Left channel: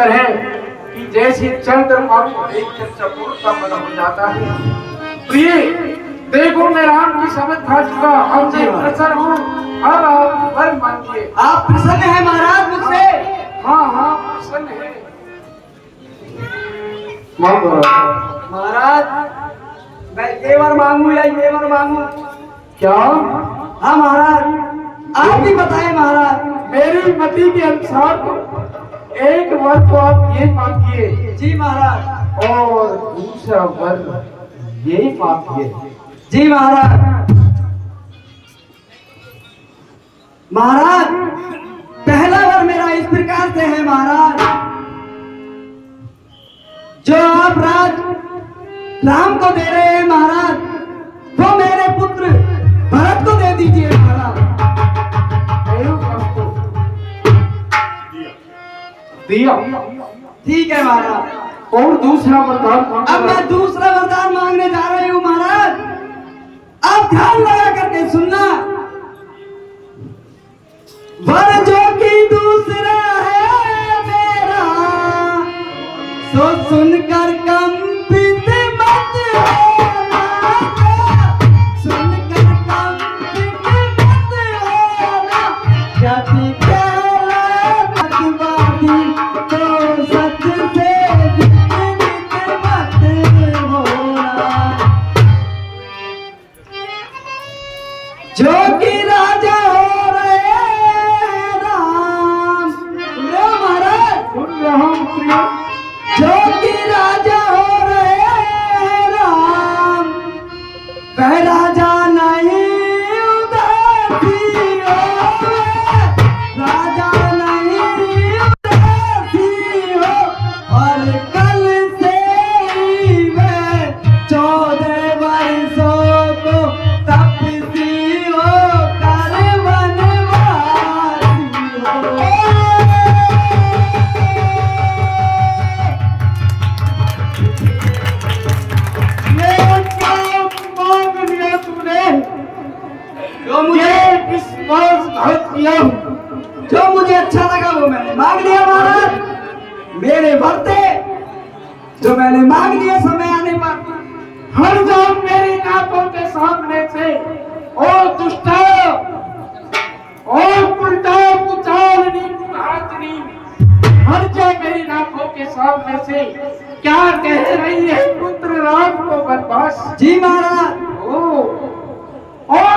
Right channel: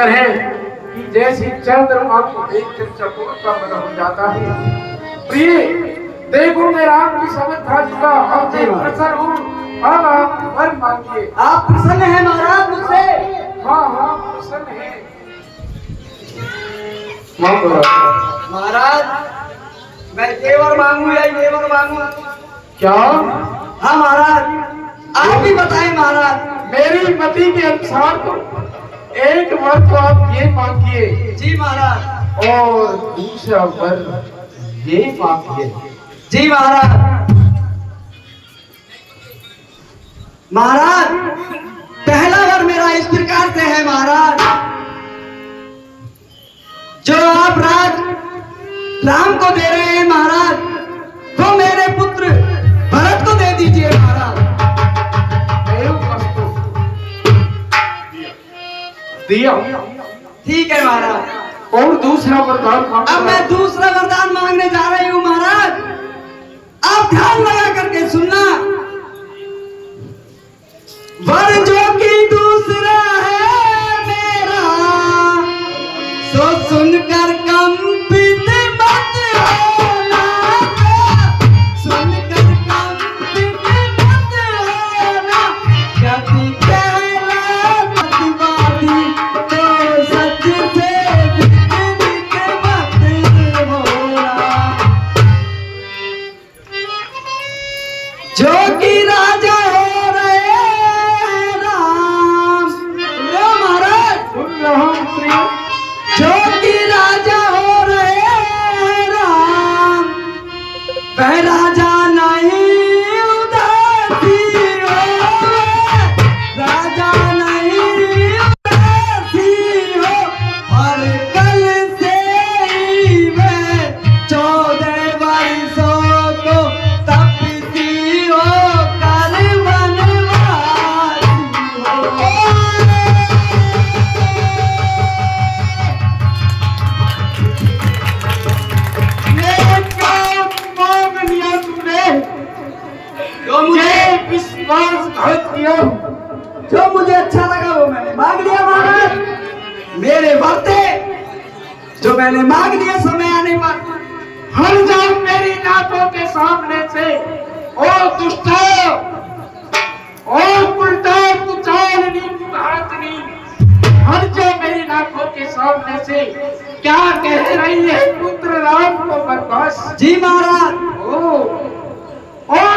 तरह कि जैसे चंद्रमा को देखकर चकोर का मन हो जाता है। प्रिय देखो मैं राम की समझ खा चुका, अब मैं प्रसन्न हूँ। अब आप वर मांगिए। आप प्रसन्न हैं महाराज मुझसे? हाँ हाँ प्रसन्न है। मांगो महाराज, मैं तेवर मांगू या येवर मांगू? क्या? हाँ महाराज, आप ही बताएं महाराज। मेरी मति के अनुसार तो एक वर तो आप ये मांगिए। जी महाराज। और दूसरा वर ये मांगिए। जी महाराज। महाराज, पहला वर मेरा इस प्रकार से है महाराज, जो आप राम को दे रहे हैं महाराज, वो मेरे पुत्र भरत को दे दीजिए महाराज। दिया। ठीक है महाराज। और दूसरा वरदान? अब मैं दूसरा वरदान मांगने जा रही हूँ महाराज, आप ध्यान लगा करके सुनना। वर जो कि दूसरा है मेरा, सो सुनकर कंपित मत होना, सुनकर कंपित मत होना, यदि कहलावादी तो सच से विचलित मत होना। जो कि राजा हो रहे राम, महाराज सुन रहा हूँ। जो कि राजा हो रहे राम, वह राजा नहीं उदासी हो, राजा नहीं उदासी हो, और कल से ही मैं 14 वर्षों को तपसी हो कर वनवासी हो। जो विश्वासघात किया, जो मुझे अच्छा लगा वो मैंने मांग लिया महाराज। मेरे वर्ते जो मैंने मांग लिया समय आने पर हट जाओ मेरी नाथों के सामने से। ओ दुष्टा, ओ उल्टा कुचालनी कुहातनी, हट जाओ मेरी नाथों के सामने से। क्या कह रही है पुत्र राम को बर्बाद? जी महाराज। ओ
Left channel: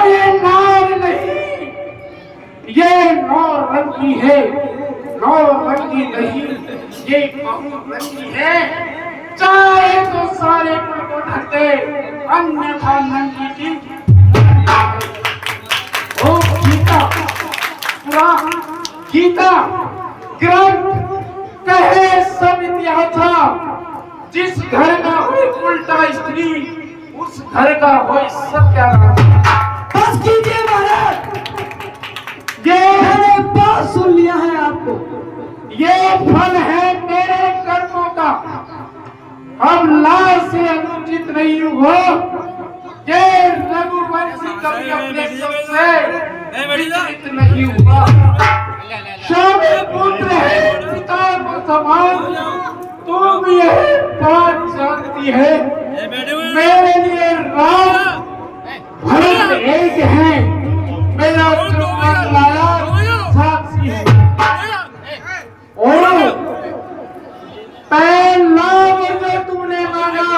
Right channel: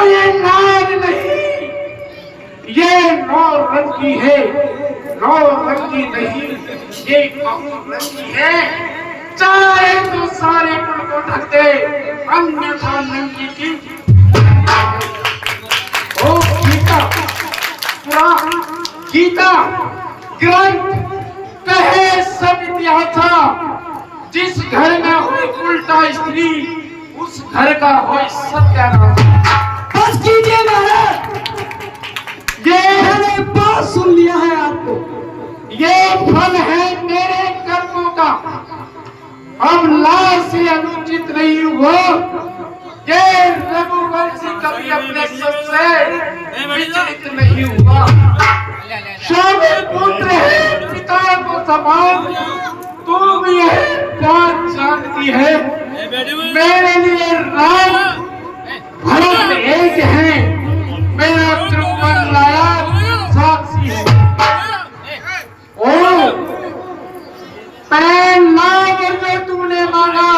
ये नार नहीं, ये नौरंगी है। नौरंगी नहीं, ये बहुरंगी है। चाहे तो सारे कुल को ढक दे, अन्यथा नंगी की। ओ गीता, गीता ग्रंथ कहे सब इतिहास, जिस घर में हुई उल्टा स्त्री उस घर का होई सत्यानाश। बस कीजिए महाराज, ये मैंने बात सुन लिया है आपको। ये फल है मेरे कर्मों का। अब लाश से अनुचित नहीं हुआ। ये रघुवंशी कभी अपने सबसे विचलित नहीं हुआ। स्वामी पुत्र है पिता को समान, तुम यह बात जानती है। मेरे लिए राम भरत एक है, मेरा द्रुपद लाया साक्षी है। ओ पैन लाभ में तुमने मांगा,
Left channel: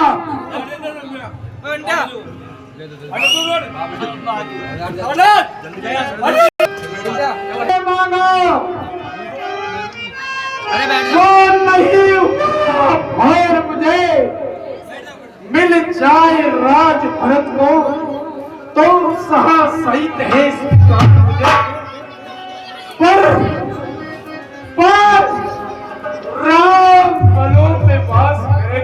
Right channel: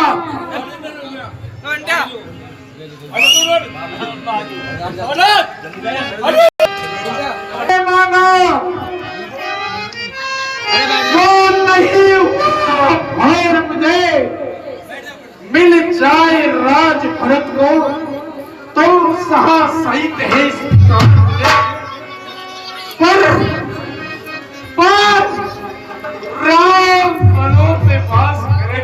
जो नहीं हुआ और मुझे मिल जाए राज भरत को तो सहा सहित है पर राम बलों में वास करे,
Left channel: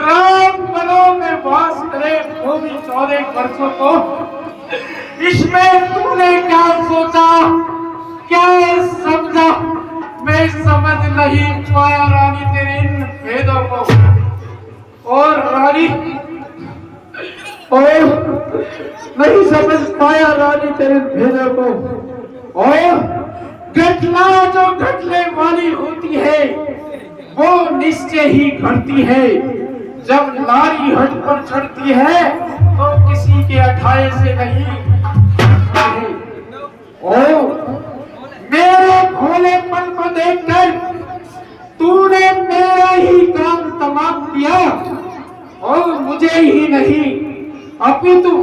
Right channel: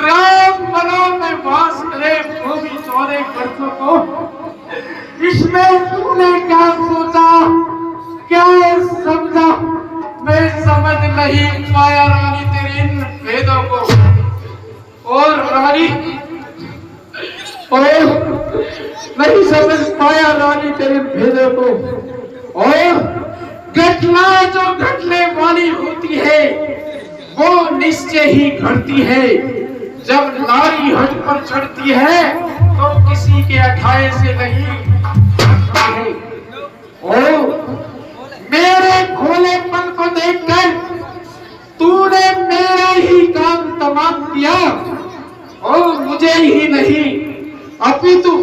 राम बलों में वास करे वो भी 14 वर्षों को। इसमें तुमने क्या सोचा, क्या समझा, मैं समझ नहीं पाया रानी तेरे इन भेदों को। और रानी और नहीं समझ पाया रानी तेरे भेदों को। और घटना जो घटने वाली होती घटती है वो निश्चय ही घटती है। जब नारी हट पर चढ़ती है तो किसी के अठाए से नहीं हटती है। ओ मेरे भोलेपन को देखकर तूने मेरा ही काम तमाम किया और मुझे ही नहीं अपितु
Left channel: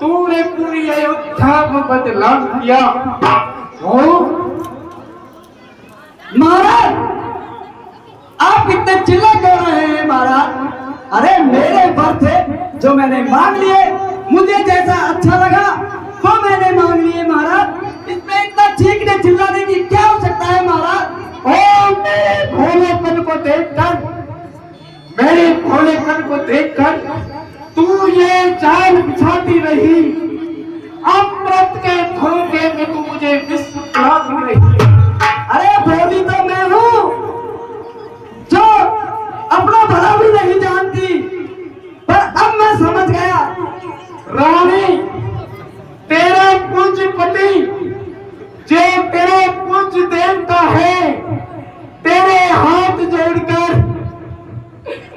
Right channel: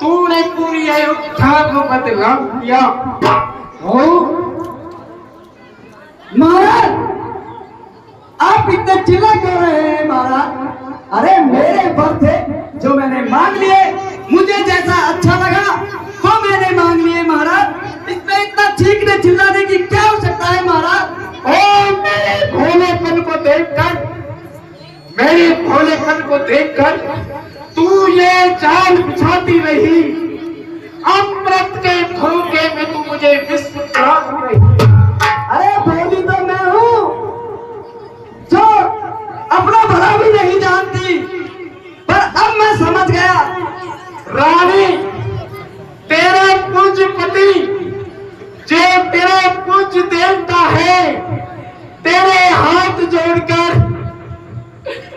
तूने पूरी अयोध्या को बदनाम किया। ओ महाराज, आप इतने चिल्ला क्यों रहे हैं महाराज? अरे मेरे वर थे जो मैंने मांग लिए, मुझे जैसा अच्छा लगा वो मैंने मांग लिए महाराज। इसमें इतना चीखने चिल्लाने की क्या हो सकता है महाराज? ओ मेरे भोलेपन को देखकर, मेरे भोलेपन को देखकर तू ये जाल बिछाती रही, अमृत के धोखे में तू मुझे विश्व पिलाती रही। अरे भोली तो मैं हूँ जो अपना भला भी नहीं जानती, पर अब मैं समझ गया। रानी तेरा पूज्य पति जो तेरा पूज्य देवता है, तेरे हाथ जोड़कर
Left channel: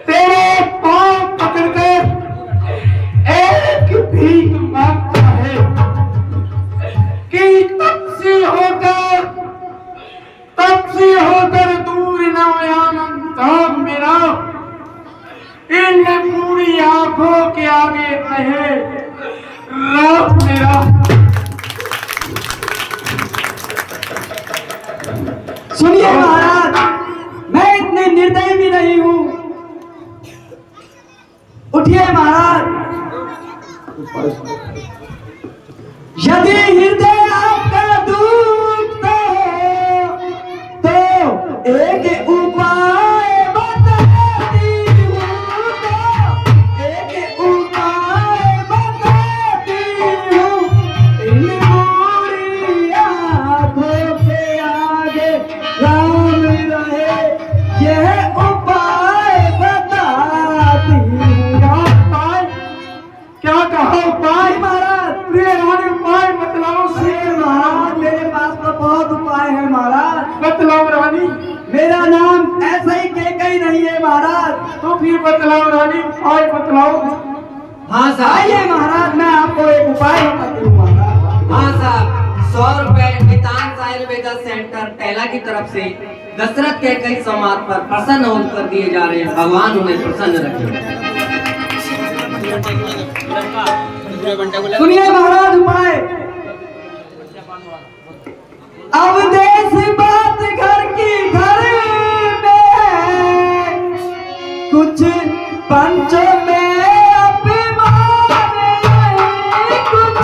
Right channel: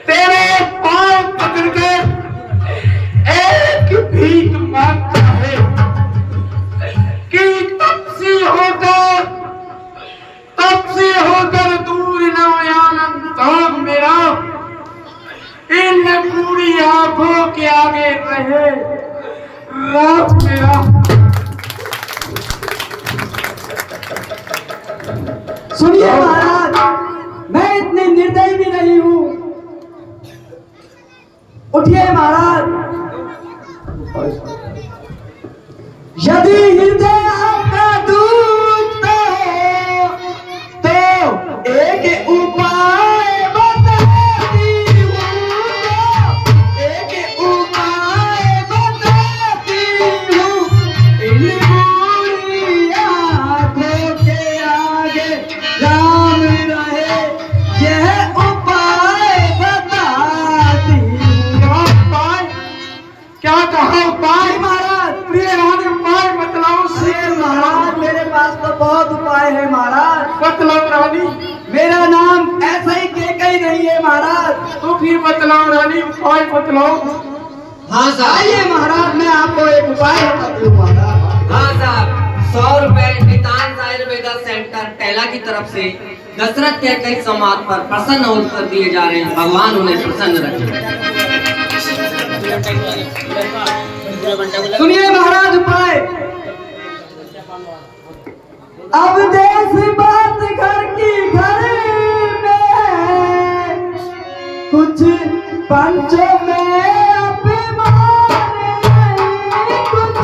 तेरे पांव पकड़कर एक भीख मांगता है कि तपसी होकर दूर न आनंद मेरा इन पूरी आंखों के आगे रहे राम मेरा। सुनिए महाराज, मैं इतने निर्दयी भी नहीं हूँ। उठिए महाराज। यदि हृदय आपका दुखता हो तो एक उपाय बताती हूँ, एक उपाय बताती हूँ। इन बुरी आँखों के आगे राम रहे, यह उपाय बताती हूँ। क्या कहा उपाय? महाराज, प्रिय रानी उपाय बतलाओ। शेर महाराज, मेरे पास तो बहुत उपाय है महाराज। बतलाओ रानी। मेरा नाम ऐसा ही केकई नहीं है महाराज। तो फिर बतलाओ रानी, उपाय बतलाओ। हाँ साहब। आइए महाराज, मैं आपको एक उपाय बताती हूँ महाराज। हाँ साहब, 100 रुपए नितांत आयुर्वेदा सेंटर टेला की तरफ से दशरथ के कई संवाद पर प्रसन्न होकर दिए जा रहे हैं। भगवान उन्हें प्रसन्न रखे। सुनिए महाराज उपाय। अब देश बात घर की घर में, कुछ पंचों में अभिमान नहीं, कुछ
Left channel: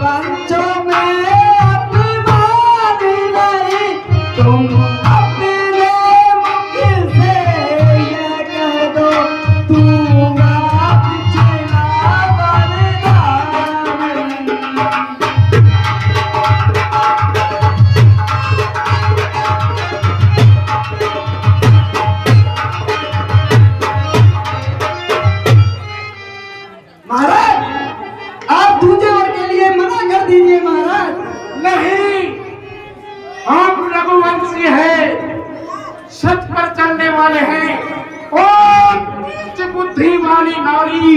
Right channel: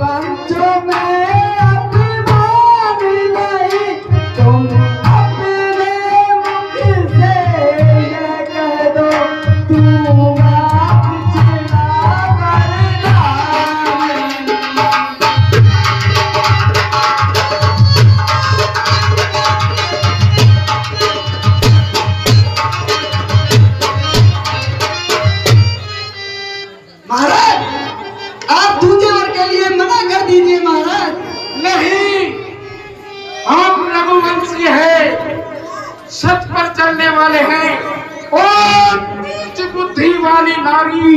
पंचों में अभिमान नहीं। तुम अपने मुख से ये कह दो, तू सच पर चलने वाले हैं। ओ नीच बुद्धि वाली नारी,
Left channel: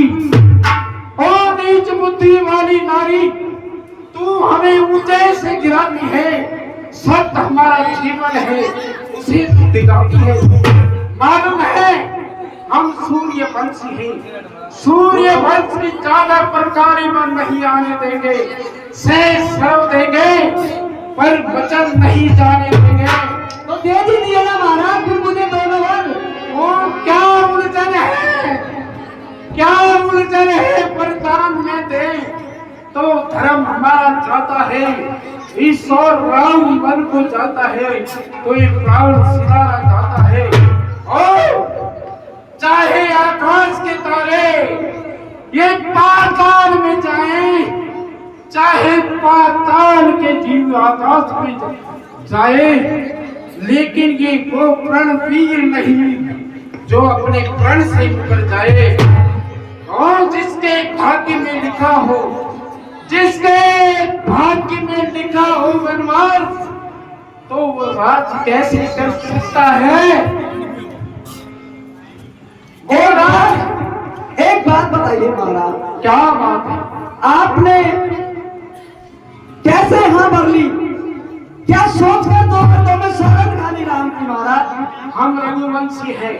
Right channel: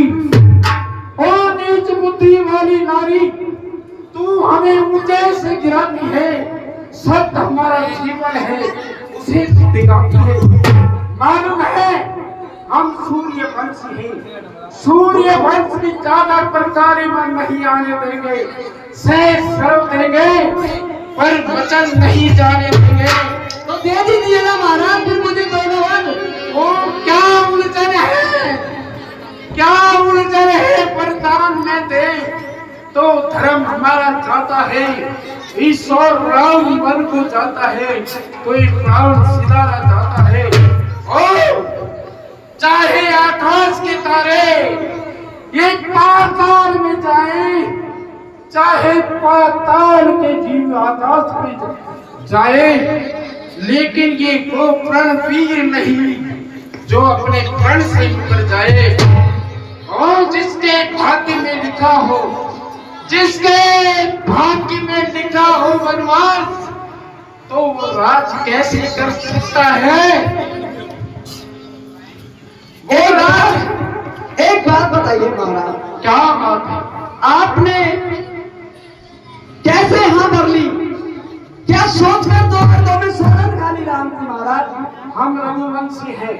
ओ नीच बुद्धि वाली नारी, तू हमें ऊंचाई से गिराती है। सत्य हमारा जीवन है, उसे दिखाती है। मालूम है हम सूर्य वंशी हैं, सूर्य वंश की ज्यादा प्रकारी मन नहीं आने देंगे। शेष सर्व देंगे पर वचन नहीं जाने देंगे। तो दे दीजिए ना महाराज, फिर मुझे दोनों वर। वो क्या उलझन है, क्या उलझन है? वरदान में दे तो धर्म हमारा जाता है, ईश्वर राम बन को जाता है, तो एक रावण सिधारा जाता है। ओ चाहे आकाश के तारे ये पाताल में जाए, चाहे पाताल के जीव आकाश में जाए, लेकिन ये वो प्रणवीर नहीं जो अपने प्रण से मुकर जाए। और जिसके भाग्य में लिखा हो, जिसके भाग्य में लिखा हो वनवास, तो वो राज कैसे कर सकता है? वो राज। एक बात बताइए महाराज, क्या बात है? आपने कैसे हाँ भर ली? क्या सोचकर दो गर्थों में शरण खाली राम की महाराज? हम रघुवंशी हैं।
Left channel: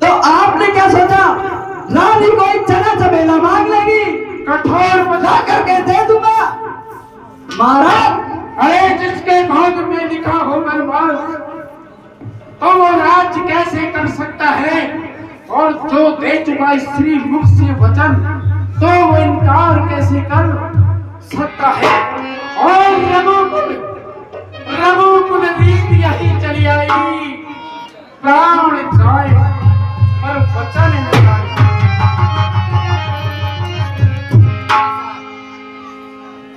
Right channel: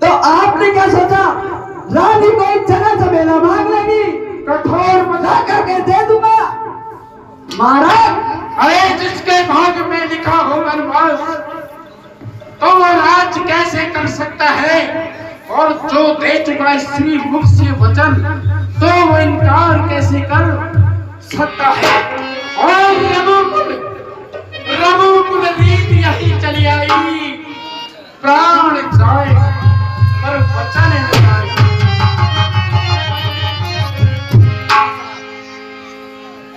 तो आपने क्या सोचा, रानी कोई चना चमेला मांग लेगी, कठोर बता करके दे दूंगा? महाराज, अरे जिसके भाग में लिखा हो वनवास, तो वो राज कैसे कर सकता है? और जो दे चुका स्त्री मुख से वचन, तो वो इनकार कैसे कर सकता है? और रघुकुल रीत यही चली आई, प्राण जाए पर वचन न जाए।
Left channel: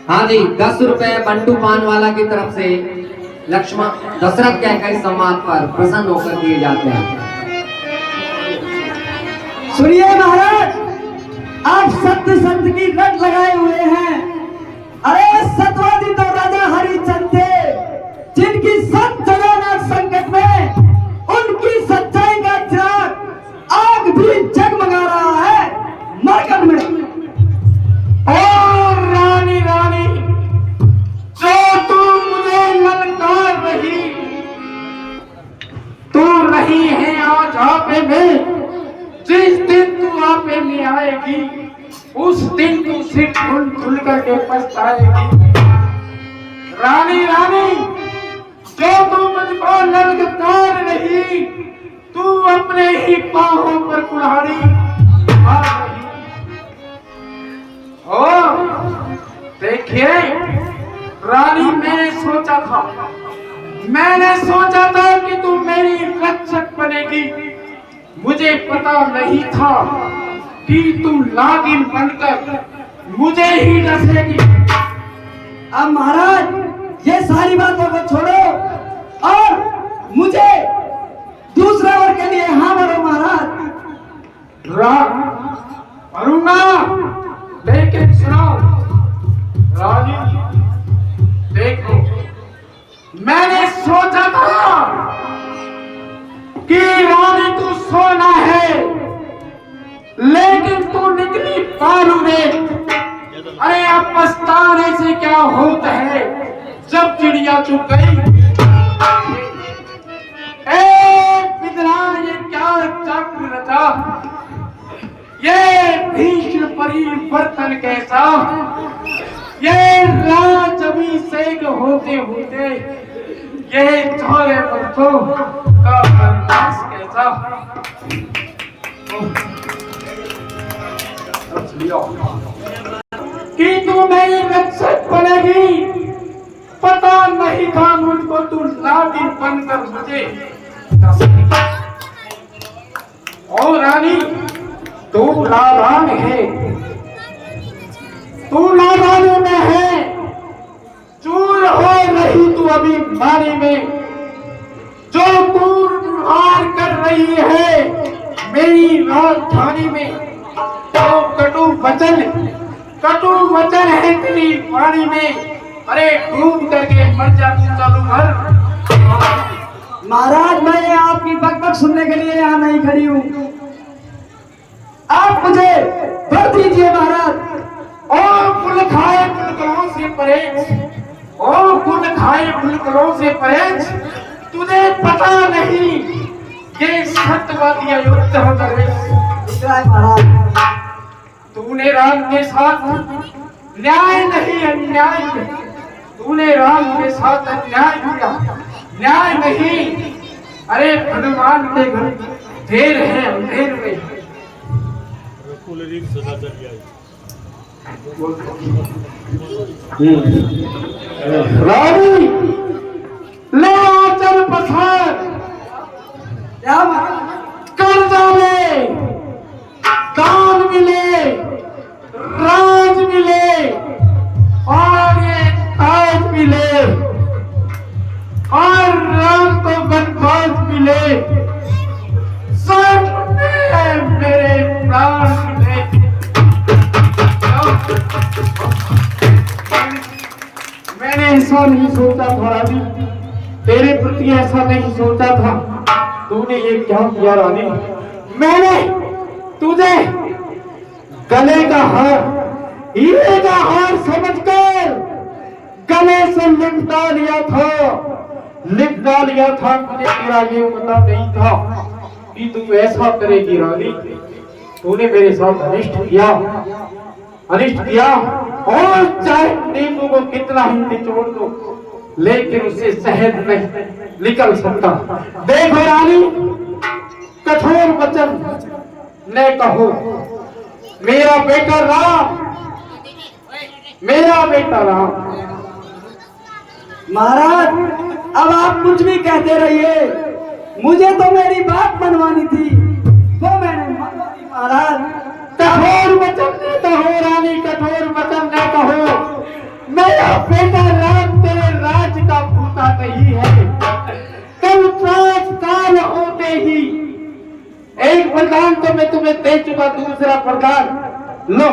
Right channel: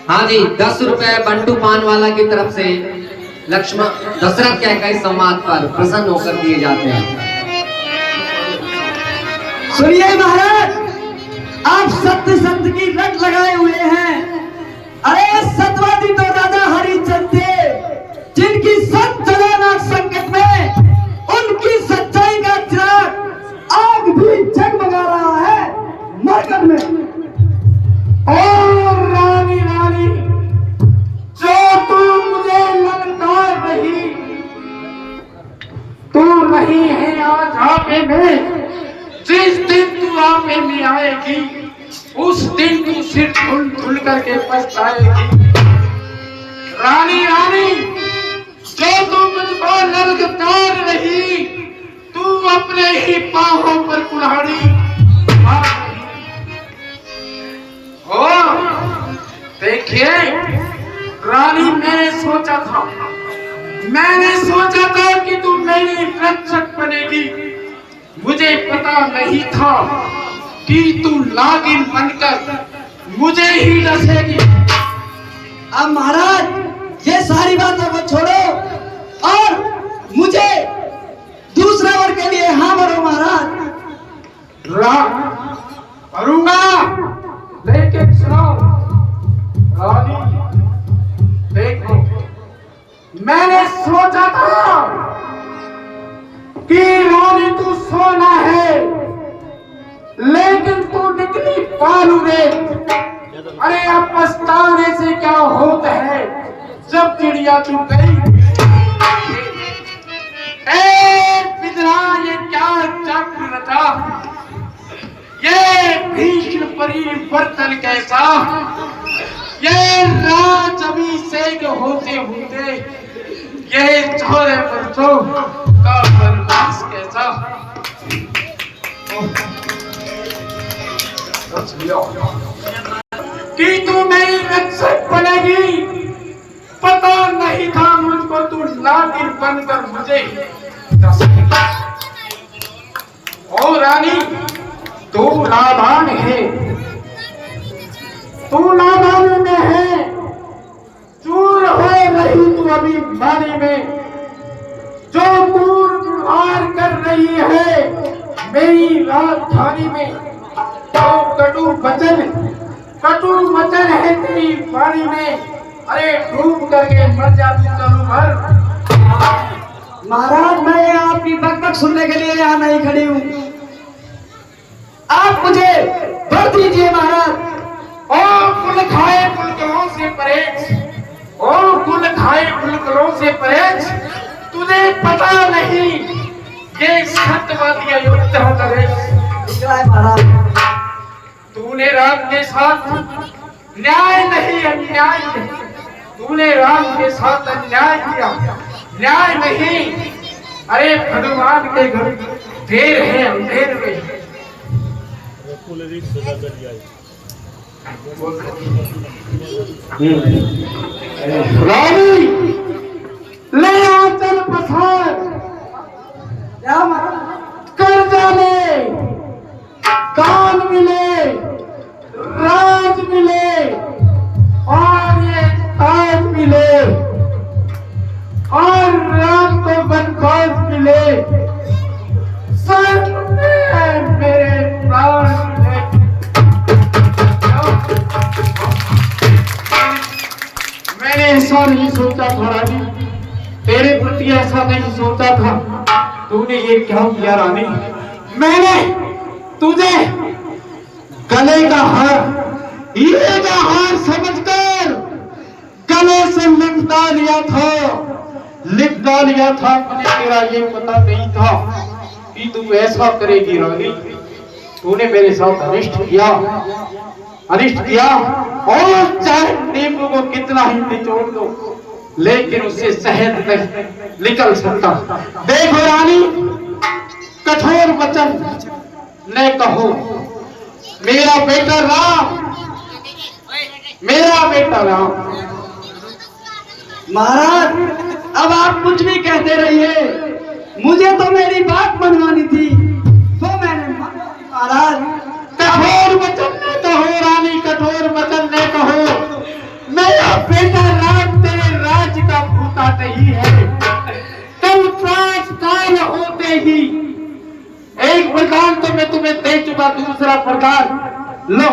हाँ जी, 10 रुपए बंटू पान वाला की तरफ से लक्ष्मण दशरथ के कई संवाद पर प्रसन्न होकर दिए जाते हैं। सुनिए महाराज, आप सत्य संत की रट लगाए हुए हैं। अरे सतवादी तो राजा हरिश्चंद्र थे, जिनकी सत जलाना संकट में उनकी सच्चाई का चिराग आग भी जगमगा रहा है मरकट में। और रानी रानी, जो तू मुझे ललकार रही, तू नहीं है आज आपे में। जिस दिन तू आपे में आएगी, उस दिन तू सिर धुल धुल करके पछताएगी। रानी रानी, जो तू मुझको ललकार रही, तू अपने ही पांवों पर कुल्हाड़ी मार रही। ओ देखिए रानी, मैंने सोचा था कि तू मेरी रक्षक बनेगी। मुझे पता नहीं था कि तू नागिन बनकर मुझे ही डसेगी। अब महाराज, ये सारी बातों को छोड़ो और मुझे दूसरे वर के लिए हाँ बोलो महाराज। करूंगा, लेकिन सुनो रानी, देखो मैंने सोचा था कि रानी तू सोना है, लेकिन तू निकली बालू रे। अरे अब पछताने से क्या होता है, जब चिड़िया तू गई। ये क्या चक्र रचा, ये भीषण परिवर्तन कैसा, ये राज अभिषेक होते होते ये 4 वर्षों का वनवास कैसा। कि तू मेरी रक्षक बनेगी, पता नहीं था मुझको तू नागिन बनकर मुझे डसेगी। और रानी, तू नादान है, तू नादानी में है, चूर हो रही तू अभी मानी में। जो दुर्व्यवहार कर रही है मेरी राजधानी में, तो कटु वचन है तेरी वाणी में। अरे डूब करके मर जा तू, चलू मर। महाराज, मैं आपकी बकबक सुनने के लिए यहाँ नहीं खड़ी हूँ, आप मुझे भर दीजिए महाराज। ओ कुल खाए कुलकलों से परहेज, ओ कुल खाए कुलकलों से परहेज, तुझे पता नहीं ये सत्यवादी अयोध्या करे। महाराज, तूने राम के साथ न्याय नहीं अन्याय किया, तूने राम के साथ अन्याय किया, न्याय नहीं। अरे भगवान के घर देर है, अंधेर में। रानी ले चल पसार, कर जाने, दान मिले, राज मिले, और ये ताज मिले, और राम को बनवास मिले, सब में मेरे प्राण मिले। मैंने ऐसा नहीं सोचा था रानी, मेरे प्रति ऐसा नहीं सोचा था। तूने ये क्या किया रानी? मैंने तुझे गले का हार, हीरे का हार समझकर गले से लिपटा लिया था, लिपटा लिया था। मुझे तेरा ये पता नहीं था कि तू ऐसा करेगी रानी। तूने मेरे साथ अनिष्ट किया, अनिष्ट किया। और चाहे नींबू को कितना ही निचोड़ दो, लेकिन उससे शहद नहीं निकल सकता। देखो रानी, कठोर वचन न कहो। मेरा बेटा राम, मेरा बेटा राम। महाराज, अब आप कुछ भी कहते रहिए, मुझे तो मेरी बात मनवानी थी, तो मैंने मनवानी। महाराज, कठोर वचन न कहो रानी, कठोर वचन न कहो। मेरा बेटा राम तेरे राज का भूता नहीं है। कल प्रात काल होते ही एक वरदान तो मैं तुम्हें दे चुका, दूसरा वरदान लो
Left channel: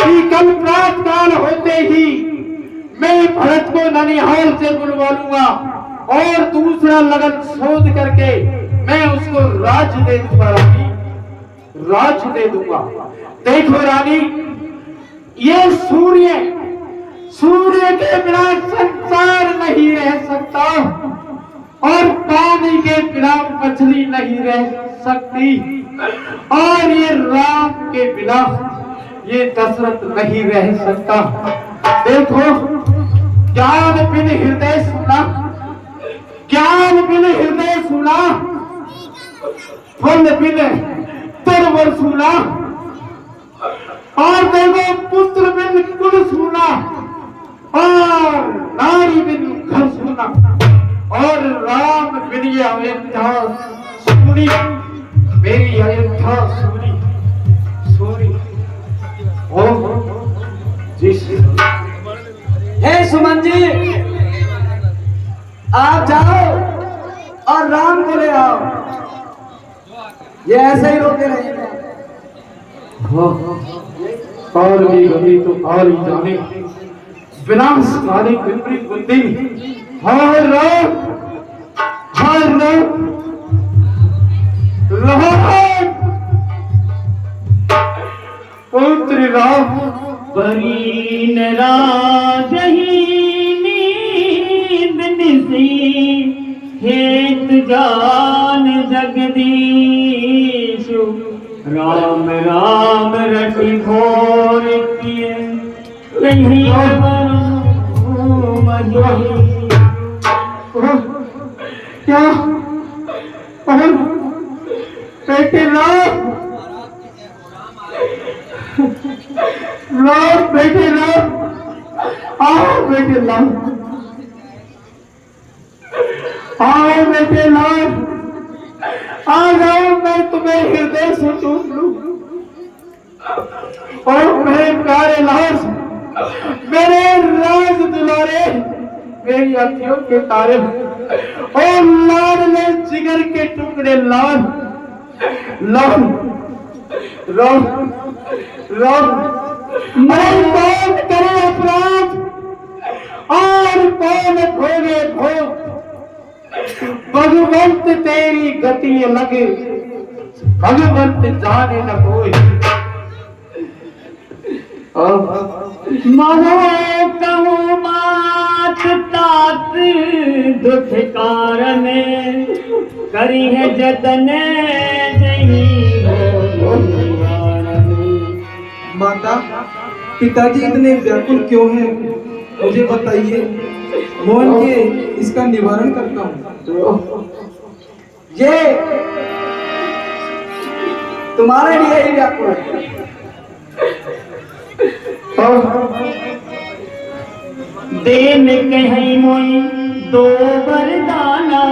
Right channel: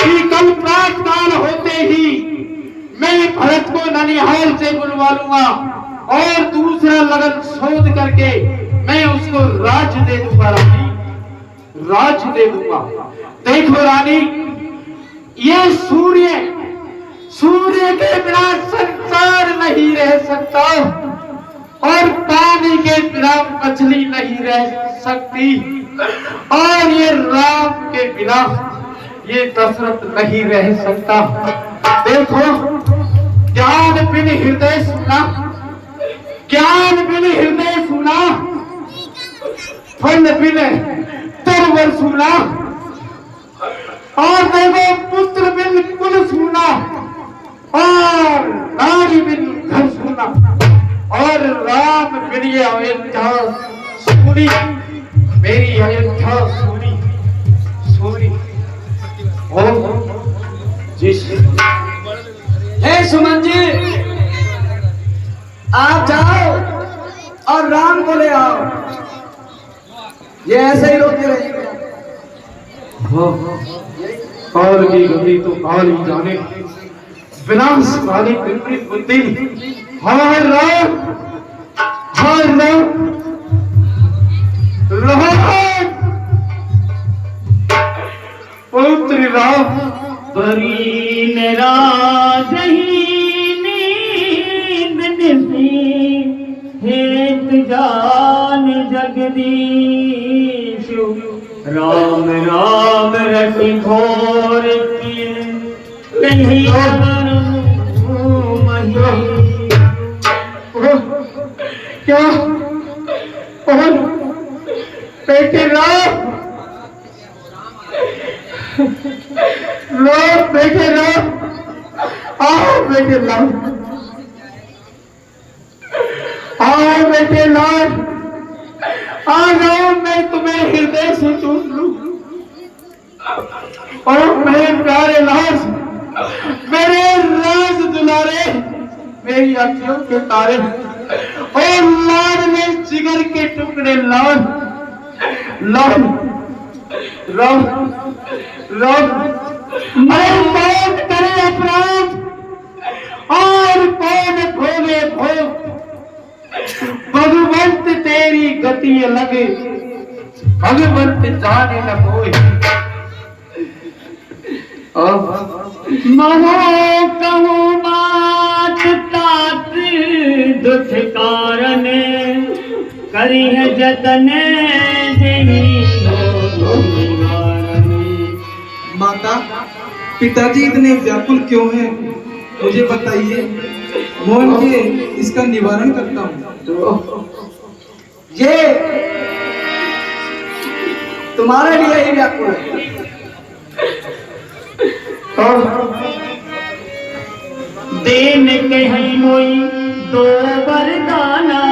कि कल प्रात काल होते ही मैं भरत को ननिहाल से बुलवा लूंगा और दूसरा लगन शोध करके मैं उसको राज दे दूंगा रानी, राज दे दूंगा। देखो रानी, ये सूर्य, सूर्य के बिना संसार नहीं रह सकता और पानी के बिना मछली नहीं रह सकती और ये राम के बिना ये दशरथ नहीं रह सकता। देखो, ज्ञान बिन हृदय सुना, ज्ञान बिन हृदय सुना, फल बिन तरवर सुना, और देखो पुत्र बिन कुल सुना, और नारी बिन घर सुना, और राम बिन ये अयोध्या सुनी, मेरी अयोध्या सुनी, सुनी। ओ जिस हे सुमन जी, आप जाओ और राम को ले आओ। ये ऐसे ही रोके रहिएगा। काल की गति तो काल ही जाने, विनाश काली कृपी बुद्धि। हाय राम, हाय राम, राम, पुत्र राम। परी न राजही नींद निसी, हेत जान जगदीश। राम राम रति घोर किए, नहीं क्या बेटे राम, राम बेटे राम, आओ बेटे राम, आओ बेटे राम, आ जाओ, मैं तुम्हें हृदय से चूम लूं। और मेरे प्यारे लाल, मेरे राज दुलारे, मेरी अखियों के तारे, और लाल में जिगर के टुकड़े, लाल लाल राम राम। मैं कौन करे अपराध और कौन भोगे भोग, भगवंत तेरी गति लगे, भगवंत जाने न कोई। महो कहूँ मात तात दुख कारण, करी है जतन जही हो। माता, पिताजी इतने व्याकुल क्यों हैं? मुझे बताइए, मोहन के इसका निवारण करता हूँ। ये तुम्हारे लिए ही व्याकुल है। देन कहीं मोई दो वरदाना,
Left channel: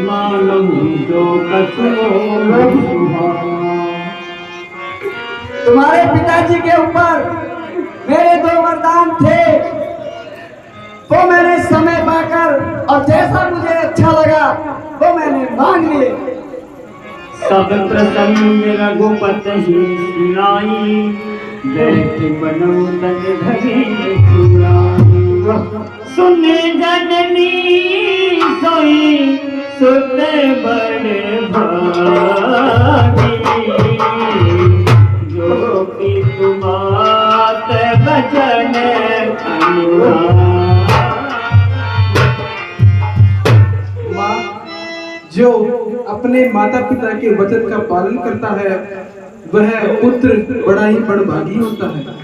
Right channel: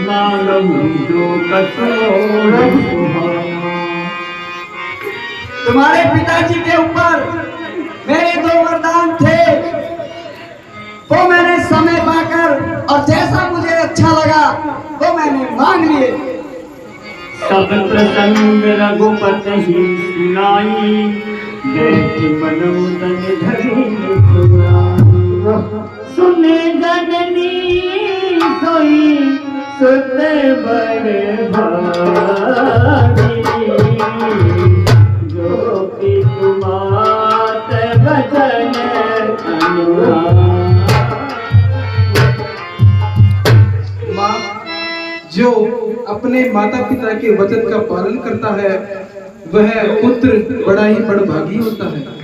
मांगू जो कसमोर सुहाना। तुम्हारे पिताजी के ऊपर मेरे दो वरदान थे, वो मैंने समय पाकर और जैसा मुझे अच्छा लगा वो मैंने मांग लिए। सब प्रसंग रघुपत ही सुनाई, बैठ बनौ तन धरी चुराई। सुने जननी सोई सुत बड़ भागी जो कि तुम्हात बचन अनुरागी। माँ, जो अपने माता पिता के वचन का पालन करता है वह पुत्र बड़ा ही बड़भागी होता है।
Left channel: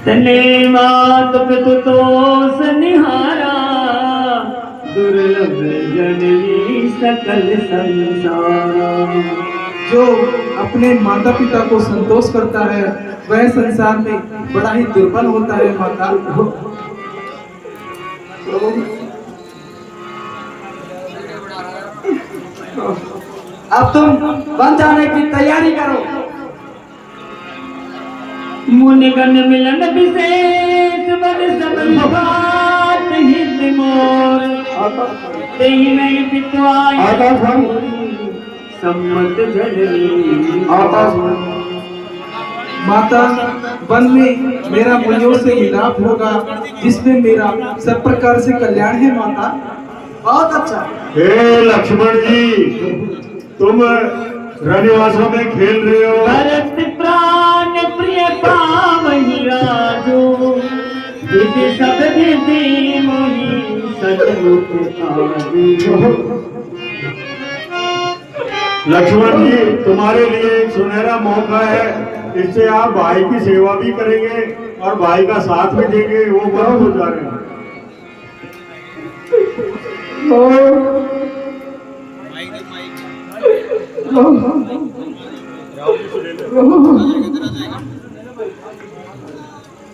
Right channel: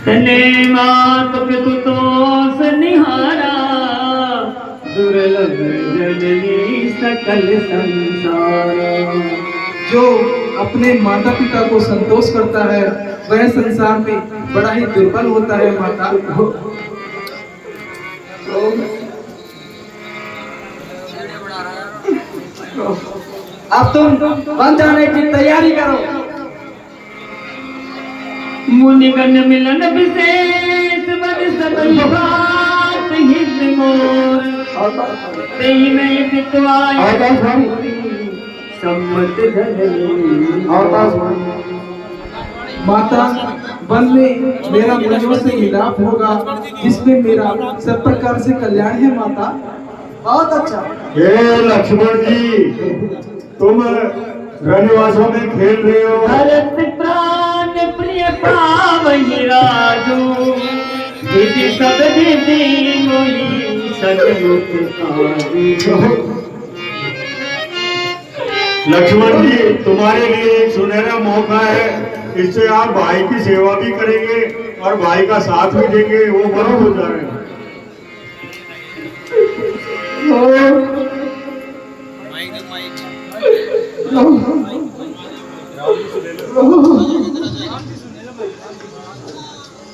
तने मात पितु तो सनिहारा दुर्लभ जननी सकल संसार। जो अपने माता पिता को संतोष करता है वह संसार में बड़ा ही दुर्बल होता है। माता, अब तुम बन जाने की तैयारी करो। मुनिगण मिलन विशेष बद सब बात हित मोर तेई में पितवाई सम्मत जननी। माता, वन में मेरा मुनियों से मिलाप होगा जिसमें मेरा सब प्रकार से कल्याण है। माता, बहुत अच्छा। हे लक्ष्मण जी, तुम रनिवासों में खेल रहे हो। भरत प्राण प्रिय पावहि राजू विधि सब विधि मोहि सचमुच काजू। लक्ष्मण जी, तुम्हारे लिए एक सुनहरा मौका है, इससे आप भाई की सेवा भी करेंगे और भाई का साथ भी देंगे। वो वन को जा रहे हैं।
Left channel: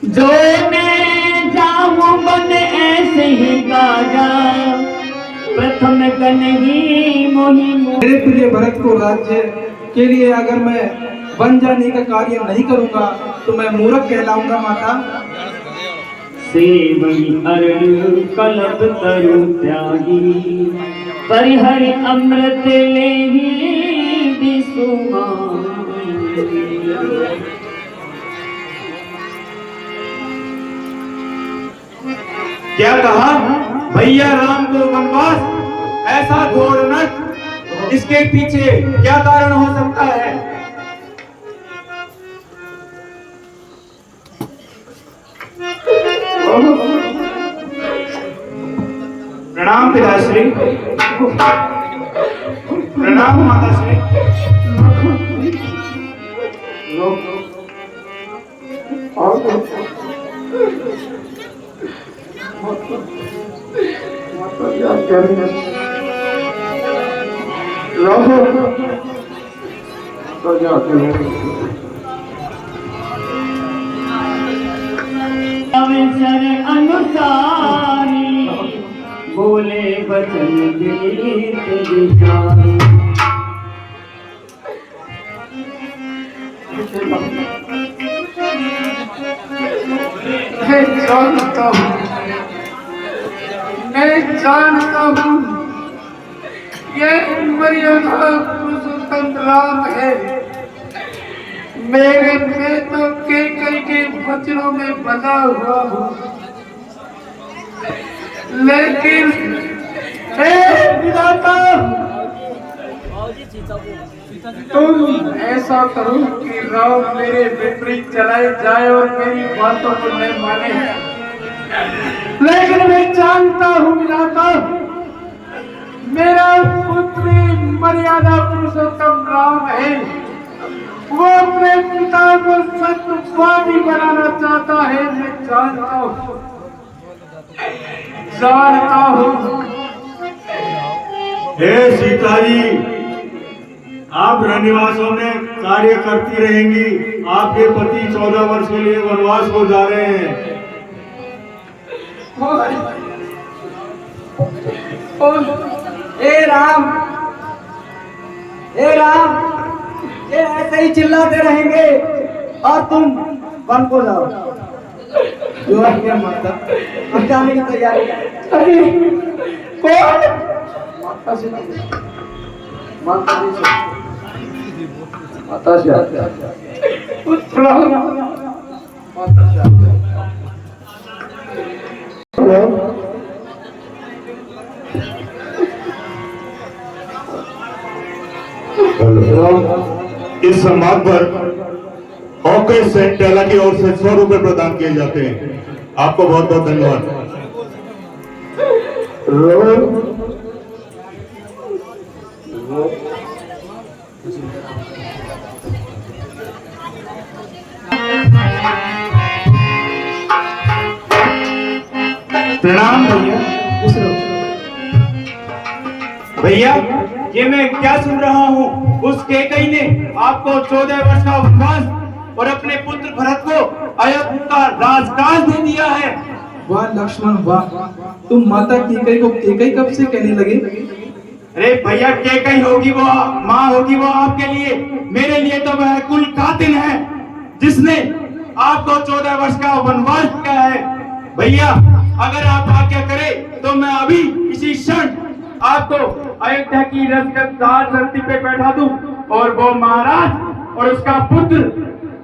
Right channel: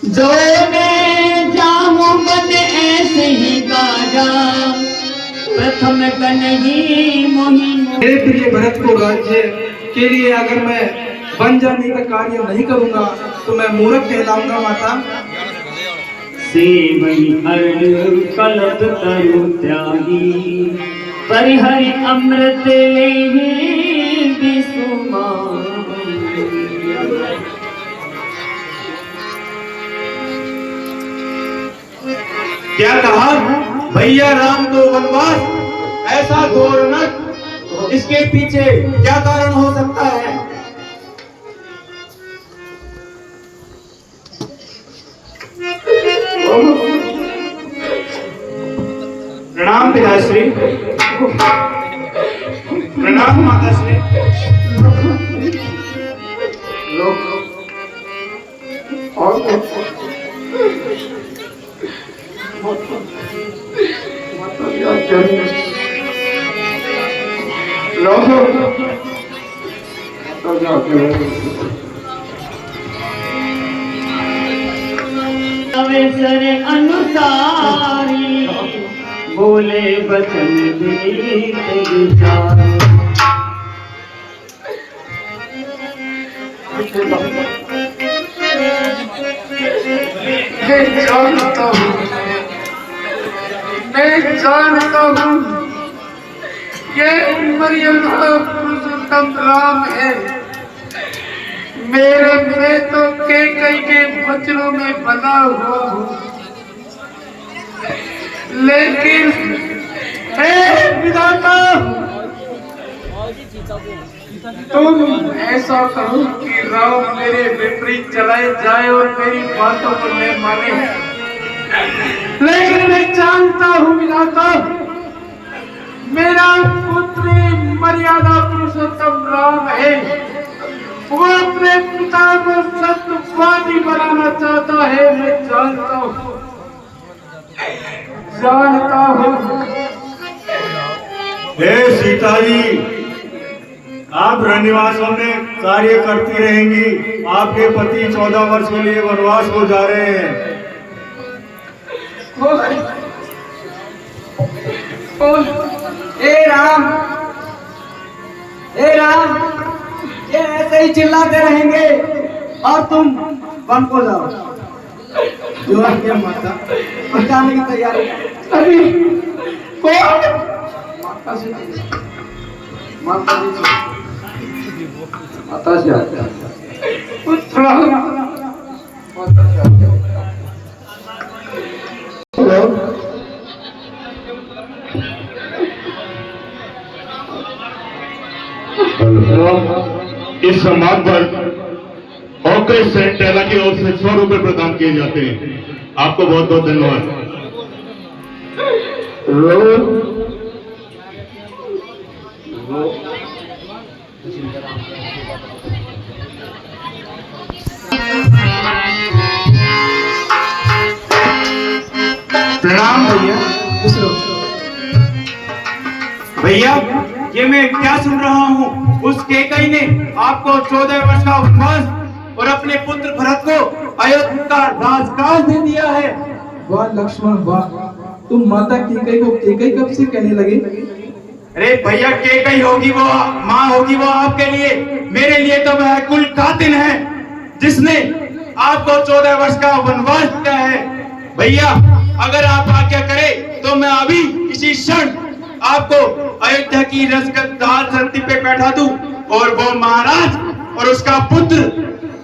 जो मैं जाऊं बन ऐसे ही गाजा प्रथम कन ही मोहि। मेरे प्रिय भरत को राज्य के लिए अगर मैं बन जाने का कार्य नहीं करूंगा तो मैं मूर्ख कहलाऊंगा। माता, से वही अरण कलब तरु त्यागी परिहरि अमृत लेहि विसुमान। क्या कहा भैया राम को वनवास? ऐसा घोर नट, इसके पीछे क्या कारण हो सकता है? प्रणाम पिताश्री। प्रणाम माताश्री। अवसर अनुसारी बोले बचन विनीत विचारी। मैं जानता हूँ ये मर्यादा पुरुषोत्तम राम है। मेरे प्रेतों के कई के वचनों में बना हुआ हूँ, लेकिन हे विधाता, तुम ऐसा करो कि राम मेरे विपरीत चलाए जाए और मेरी बातों को न माने। लेकिन मैं जानता हूँ विधाता, मेरा पुत्र मर्यादा पुरुषोत्तम राम है। वो अपने पिता को सत्यवादी बनाना चाहता है। मैं जानता हूँ, जानता हूँ। हे सीता जी, आप रनिवासों में कार्य करती रहेंगी। आपके पति 14 वर्ष के लिए वनवास हो जा रहे हैं। हे राम, हे राम, ये ऐसे ही चिल्लाते रहेंगे और तुम वन को जाओ। जो आज्ञा माता, हम जाने की तैयारी करें। अरे कौन? माता से, माता से, माता से पुत्र, माता से। इस सम्मान पर ऑर्केस्ट्रा सेंट टेला की ओर से 100 रुपए प्रदान किए जाते हैं। आपको बहुत बहुत धन्यवाद। प्रणाम भैया। खुश रहो। भैया, ये मैं क्या सुन रहा हूँ? उस केकई ने आपको 14 वर्ष का वनवास और अपने पुत्र भरत को अयोध्या का राजकाज दे दिया है। वाह लक्ष्मण वाह, तुम माता केकई को केकई कब से कहने लगे? अरे भैया, केकई होगी वो माँ होगी वो आपके लिए, मेरे लिए तो वह कुल कातिल है जिसने आपको 14 वर्ष का वनवास दिया है। भैया, अगर आप आज्ञा करें तो मैं अभी इसी क्षण आपको अयोध्या की राजगद्दी पे बैठा दूं और वो महाराज और उसका पुत्र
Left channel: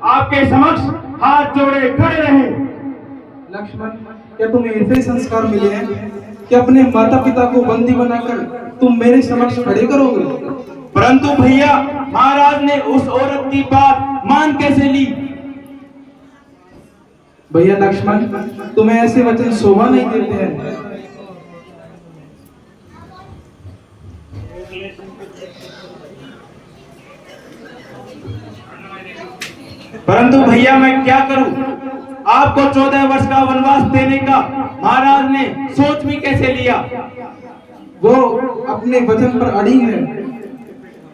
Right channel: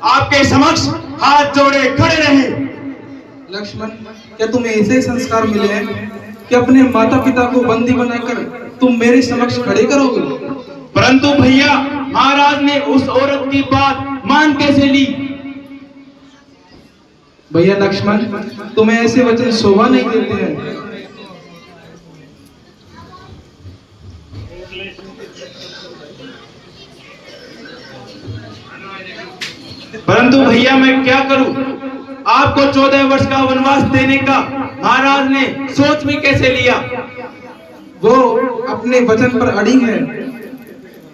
आपके समक्ष हाथ जोड़े खड़े रहे। लक्ष्मण, क्या तुम्हें ऐसे ही संस्कार मिले हैं कि अपने माता पिता को बंदी बनाकर तुम मेरे समक्ष खड़े करोगे? परंतु भैया, महाराज ने उस औरत की बात मान कैसे ली? भैया लक्ष्मण, तुम्हें ऐसे वचन शोभा नहीं देते हैं। परंतु भैया, मैं क्या करूं? आपको 14 वर्ष का वनवास देने का महाराज ने सोच भी कैसे लिया? वो अपने वचन पर अड़ी है,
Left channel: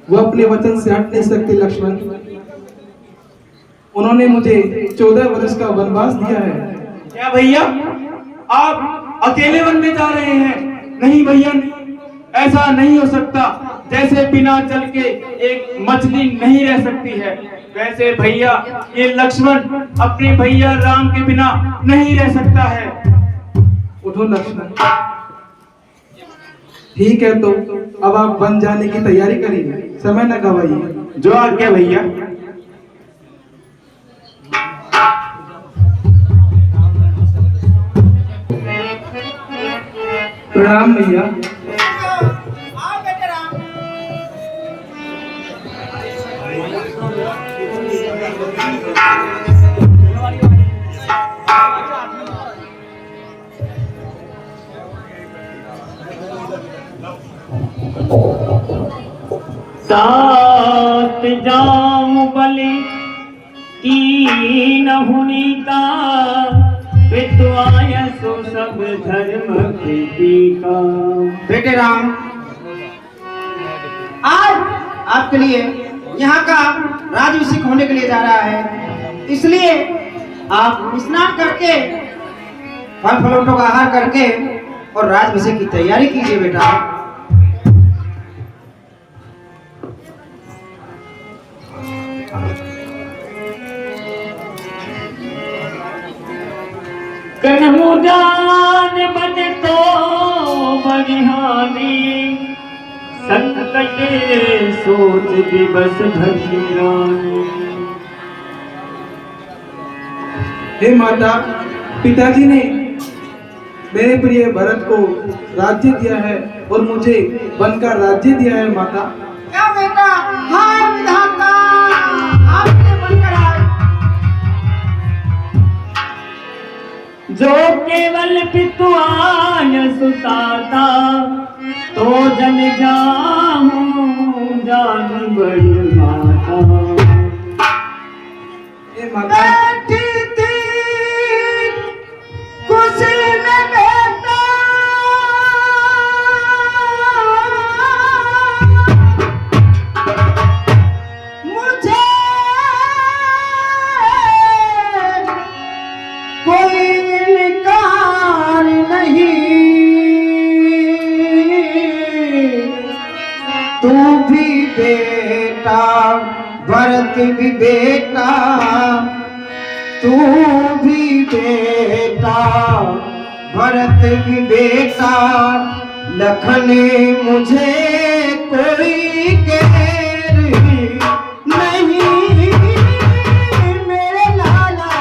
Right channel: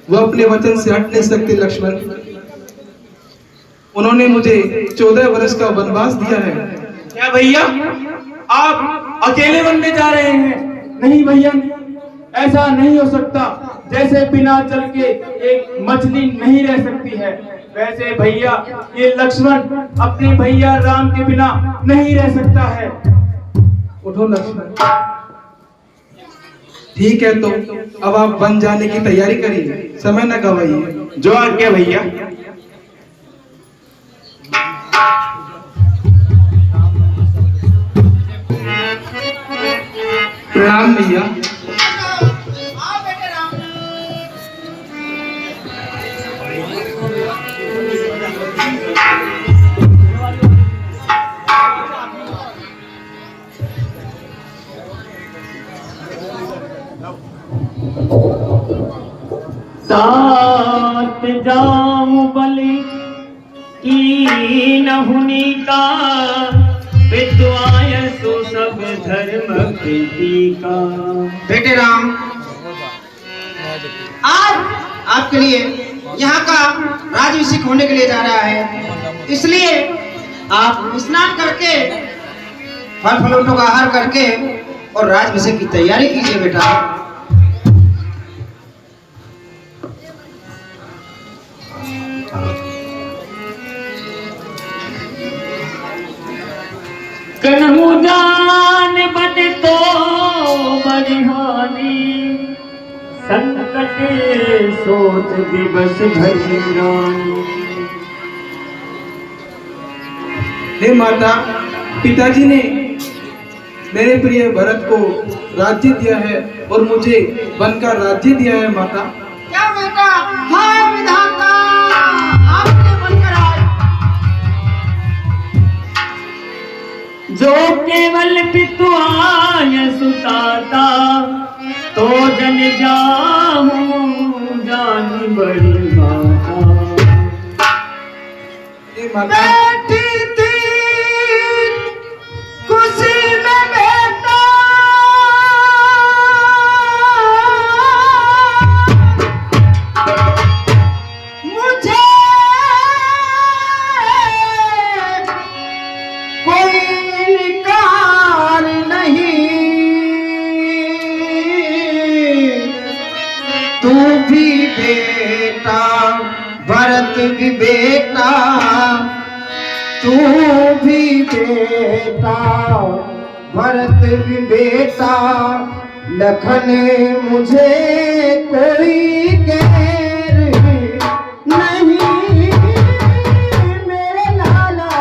वो अपने वचन से हट नहीं सकते लक्ष्मण। उन्होंने मुझे 14 वर्ष का वनवास दिया है। क्या भैया, आप अकेले बनने जा रहे हैं? नहीं भैया, ऐसा नहीं हो सकता। जैसे बिना जल के एक मछली नहीं रह सकती है, वैसे भैया ये लक्ष्मण अपने भैया राम के बिना नहीं रह सकता है। उठो लक्ष्मण। ठीक है, तो अब आप बन जाने की तैयारी करिए, समय न गवाइए। जो आज्ञा भैया। प्रणाम भैया। सात जाऊं बलि की नहुनी का, पितुआय सो सब धर्म कृति का। बेटे राम, आज आपके लिए यहाँ का राजभिषेक होने के लिए जा रहा है, इसलिए आप स्नान करके फल फलों का आहार करके और राजभिषेक की तैयारी कीजिए बेटा। कन्हुदान बन तो बरहानी, संकट सोच दिवस भजरानी। हे माता, पिताजी ने मेरे प्रिय भरत को राज्य दिया है और मुझे वन का राज्य दिया है। माता, क्या बेटा? हाँ विधाता, आपने बनकर आए। जो केवल पितुआय सुताता, तो जन जाहूं जान बड़ी माता। हे माता, बैठी थी कुर्सी में बेटा, मुझे कोई इनकार नहीं, तू भी बेटा भरत भी बेटा, तू भी बेटा भरत भी बेटा, लखन मुझे कोई गैर नहीं मेरे लाला।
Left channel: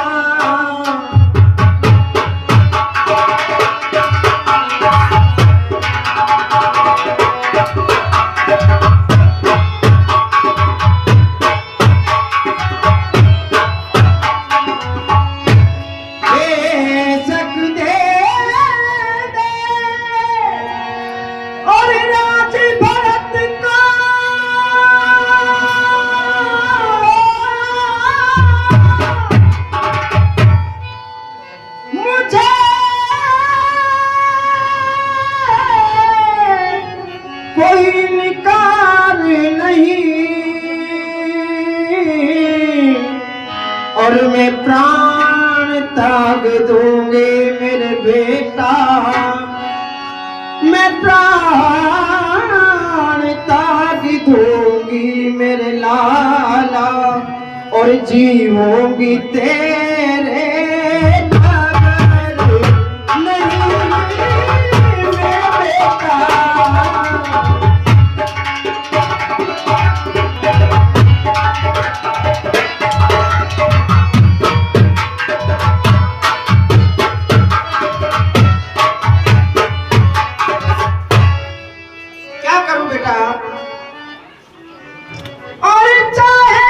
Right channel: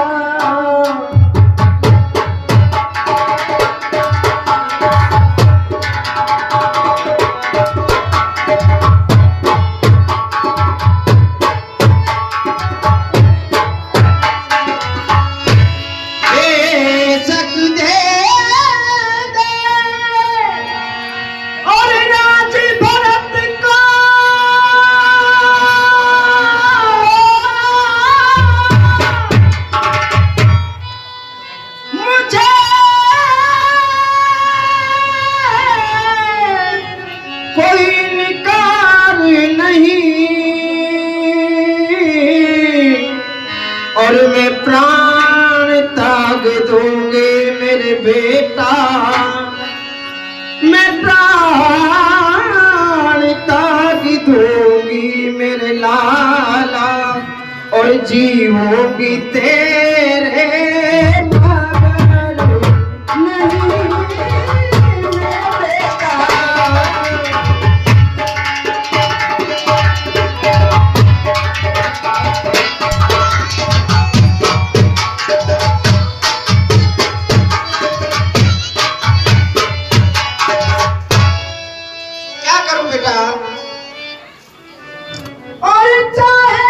मैं प्राण त्याग दूंगी मेरे लाला और जीवोगी तेरे नगर नहीं मैं बेटा। क्या करूं बेटा? और चाहे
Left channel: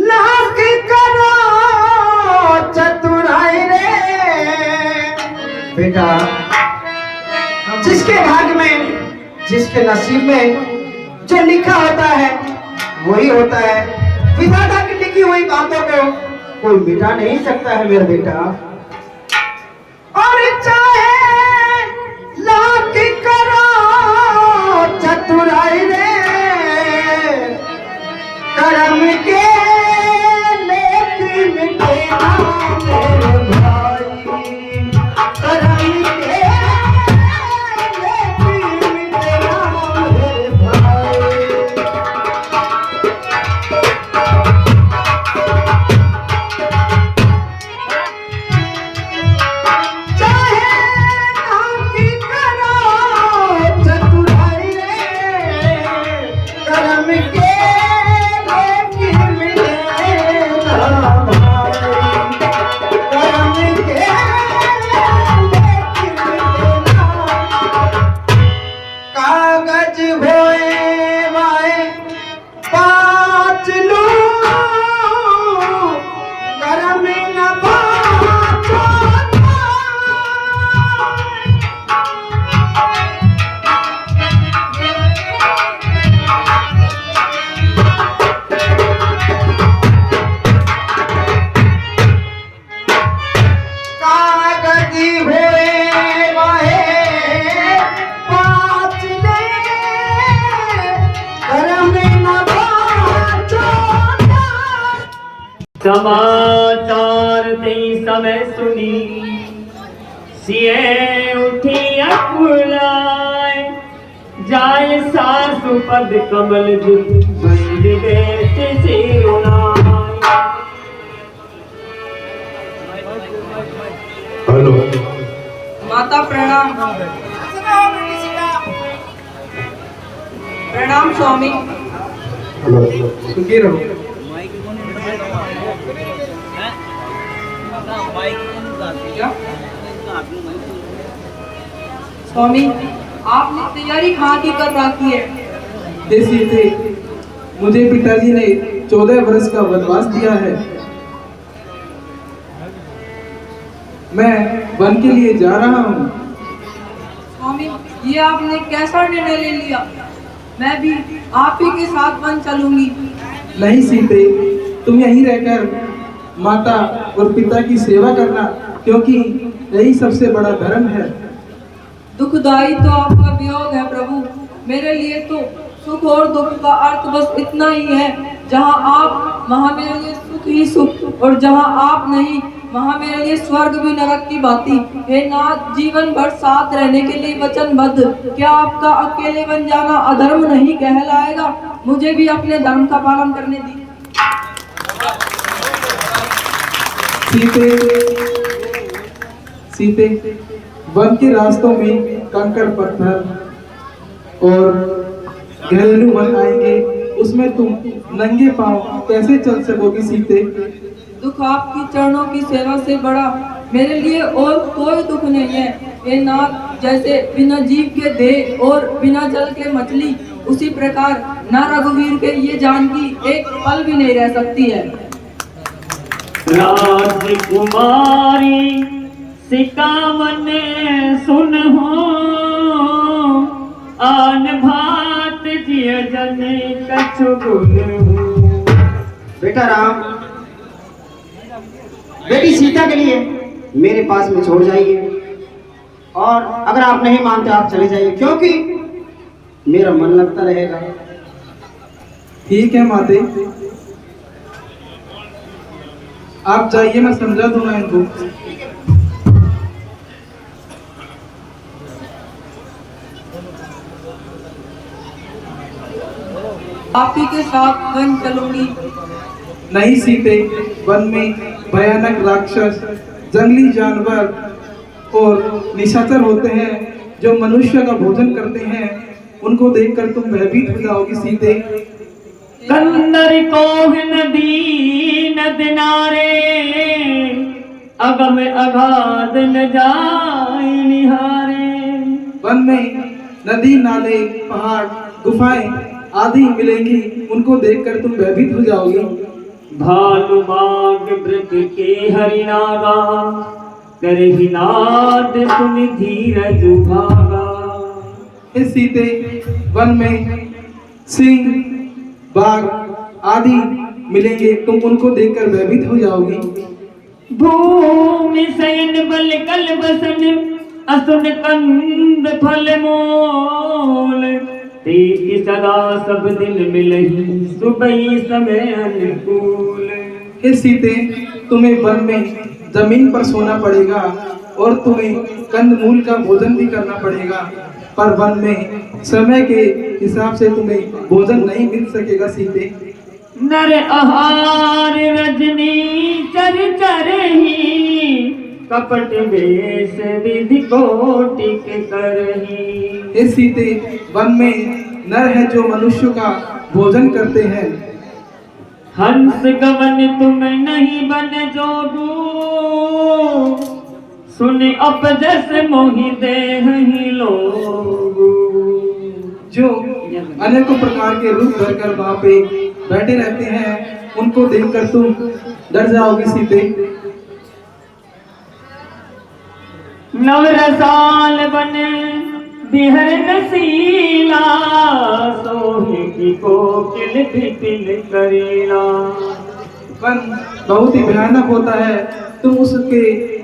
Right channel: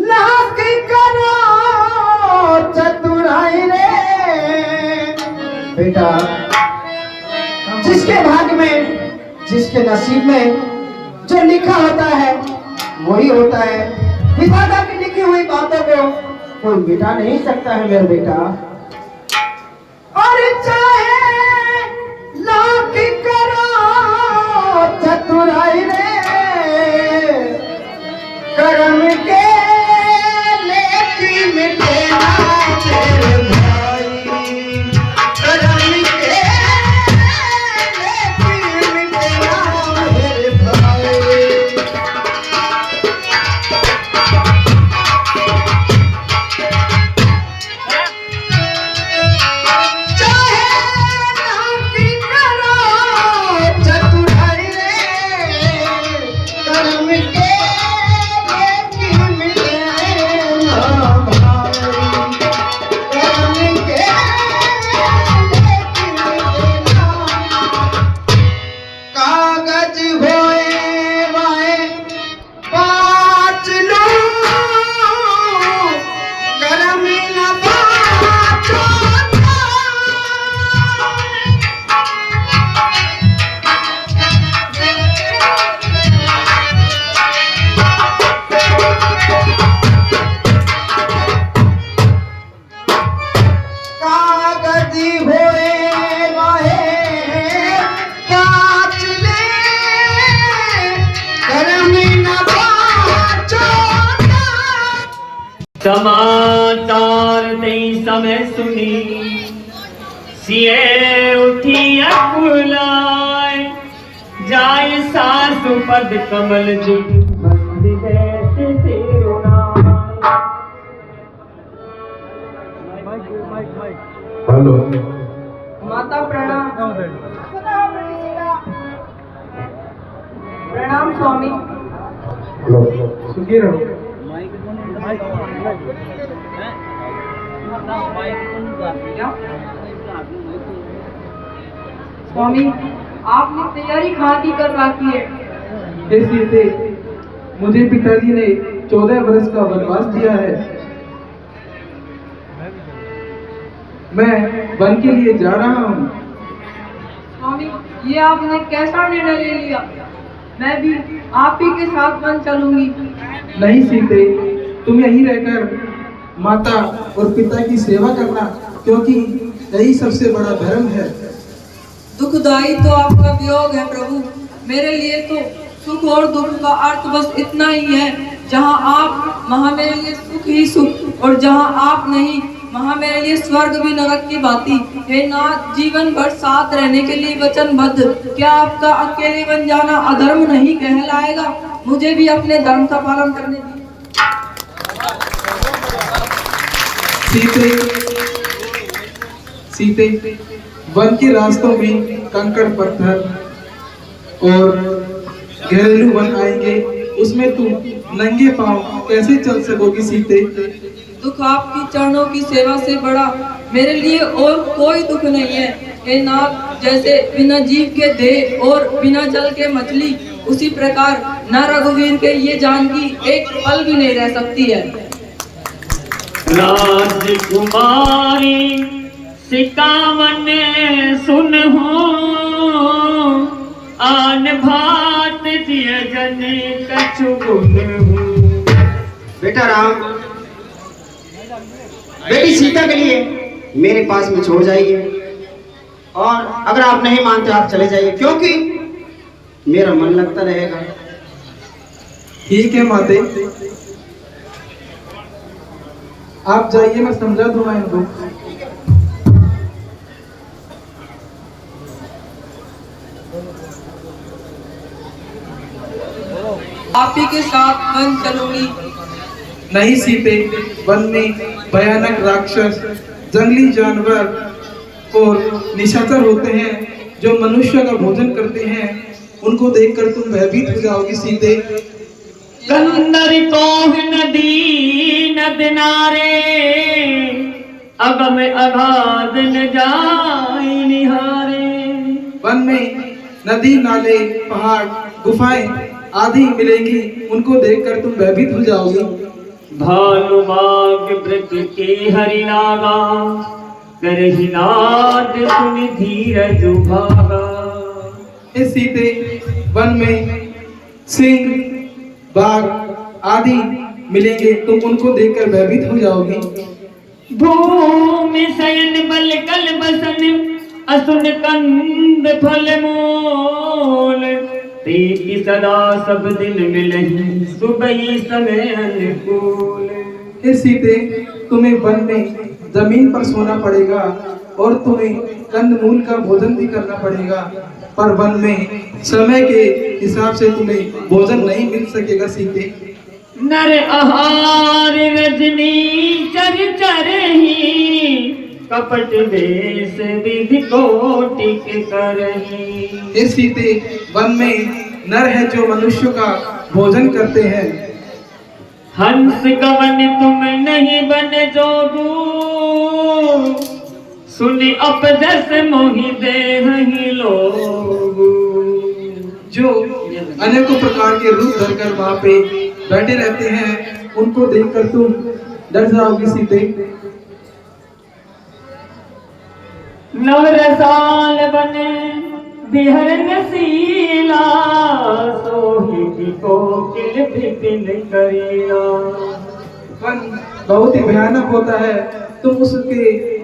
लाख करो चतुराई रे बेटा, जिसके भाग्य में जिसके नसीब में जो लिखा होता है वही होता है। विधाता की लिखी हुई बातों को कोई मिटा नहीं सकता है मेरा बेटा। और चाहे लाख करो चतुराई रे कर्म के लेकिन मिटेगा मेरे भाई, कर्म के लेकिन मिटेगा मेरे भाई। चाहे नाकी करो चतुराई रे कर्म के लेकिन मिटेगा भाई, कर्म के लेकिन मिटेगा। कागज होए वाए पाँच लो कर्म न बाँचो। कागज होए वाहे पाँच ले कर्म न बाँचो। समाचार नहीं समय सुनी सिए उठी अकुलाए जाय सासु पद कमल जी बंद बैठ सिरुनाए। हेलो माता प्रणाम। प्रणाम स्वामी। हेलो सुखी रहो। स्वामी आपने तैयारी कहाँ की कर रखी है? हे सीते, मुझे पिताजी ने 14 वर्ष का वनवास दिया है। मैं वन के लिए जा रहा हूँ। स्वामी ये आपने कैसा निर्णय ले लिया? मैं भी आप ही के साथ वन चलूंगी। नहीं सीते, तुम यहीं रहकर माता और पिता की सेवा करना, क्योंकि यही सबसे बड़ा धर्म है। दुखदाई तो आपका वियोग है प्रभु। मेरे लिए तो सुख और दुख का अर्थ बस इतना ही है, जहाँ आप वहाँ मेरे लिए सुख ही सुख, और जहाँ आप नहीं वहाँ मेरे लिए स्वर्ग भी नरक की बाती। हे नाथ, जीवन भर साथ रहने के लिए वचनबद्ध, क्या आपका अकेले बन जाना अधर्म नहीं कहलाएगा? मुझे भी अपने धर्म का पालन करने दी। सीते, वन के रास्तों में कंकड़ पत्थर और घरेलू वन आएंगे, उसमें तुम नंगे पांव कैसे चल सकोगी सीते? दुख आपकी चरणों की सेवा से बड़ा मेरे लिए और कोई दुख नहीं है। हे नाथ, जैसे बिना जीव के देह और बिना जल के मछली, उसी प्रकार न रघुवीर के ये जानकी एक पल भी नहीं रह सकती है। राजकुमारी सिकावन सुन हो आन भात जिय जन कछु गुण हो। बेटा राम, बेटी सीता के लिए मेरे पास में छोड़ जाइए, और अगर आप नहीं मानते आप चले जाइए, क्योंकि मेरा मन लगता रहेगा। ठीक है माते, आप जाइए, मैं समझा दूंगा इनको। आप ही के साथ वन चलूंगी। नहीं सीते, वन में भयानक राक्षस, जंगली जानवर और निशाचर होते हैं जो मनुष्य का भोजन करते हैं। उनको देखकर तुम भयभीत हो जाओगी सीते। कंदर को नदी नद नारे, अगम अगाध न जाए निहारे। वन में नदी, नाले, पहाड़, गुफाएं आदि मिलेंगी। उनको देखकर तुम भयभीत हो जाओगी। भालू बाग व्रत के हरिनागा, करहि नाद सुन धीरज भागा। इस सीते, वन में सिंह, बाघ आदि मिलेंगे। तुम उनको देखकर भयभीत हो जाओगी। भूमि शयन बल कल बसन, असुन कंद फल मूल। तेरी सदा सब दिन मिलही, सुबह समय अनुकूल। हे सीते, तुम्हें वन में जमीन पर सोना पड़ेगा और तुम्हें कंदमूल का भोजन भी करना पड़ेगा, पर वन में समय के हिसाब से तुम्हें भोजन नहीं मिल सकेगा सीते। नर आहार रजनी चर चरही, कपट वेश विधि कोटिक करही। हे सीते, वन में नर है जो मनुष्य का भोजन करते हैं। हंस गवन तुम नहीं बन जोगू, सुनि अपजस मोहि देहि लोगू। जो अनेकों प्रकार के रूप धरकर वहां पे बैठे रहते हैं, उनको देखकर तुम डर जाओगी सीते। नवरसाल बन बिहर नसीला, सोही कोकिल फिटिल करीला। वन बहुत ही भयानक होता है, तुम उसके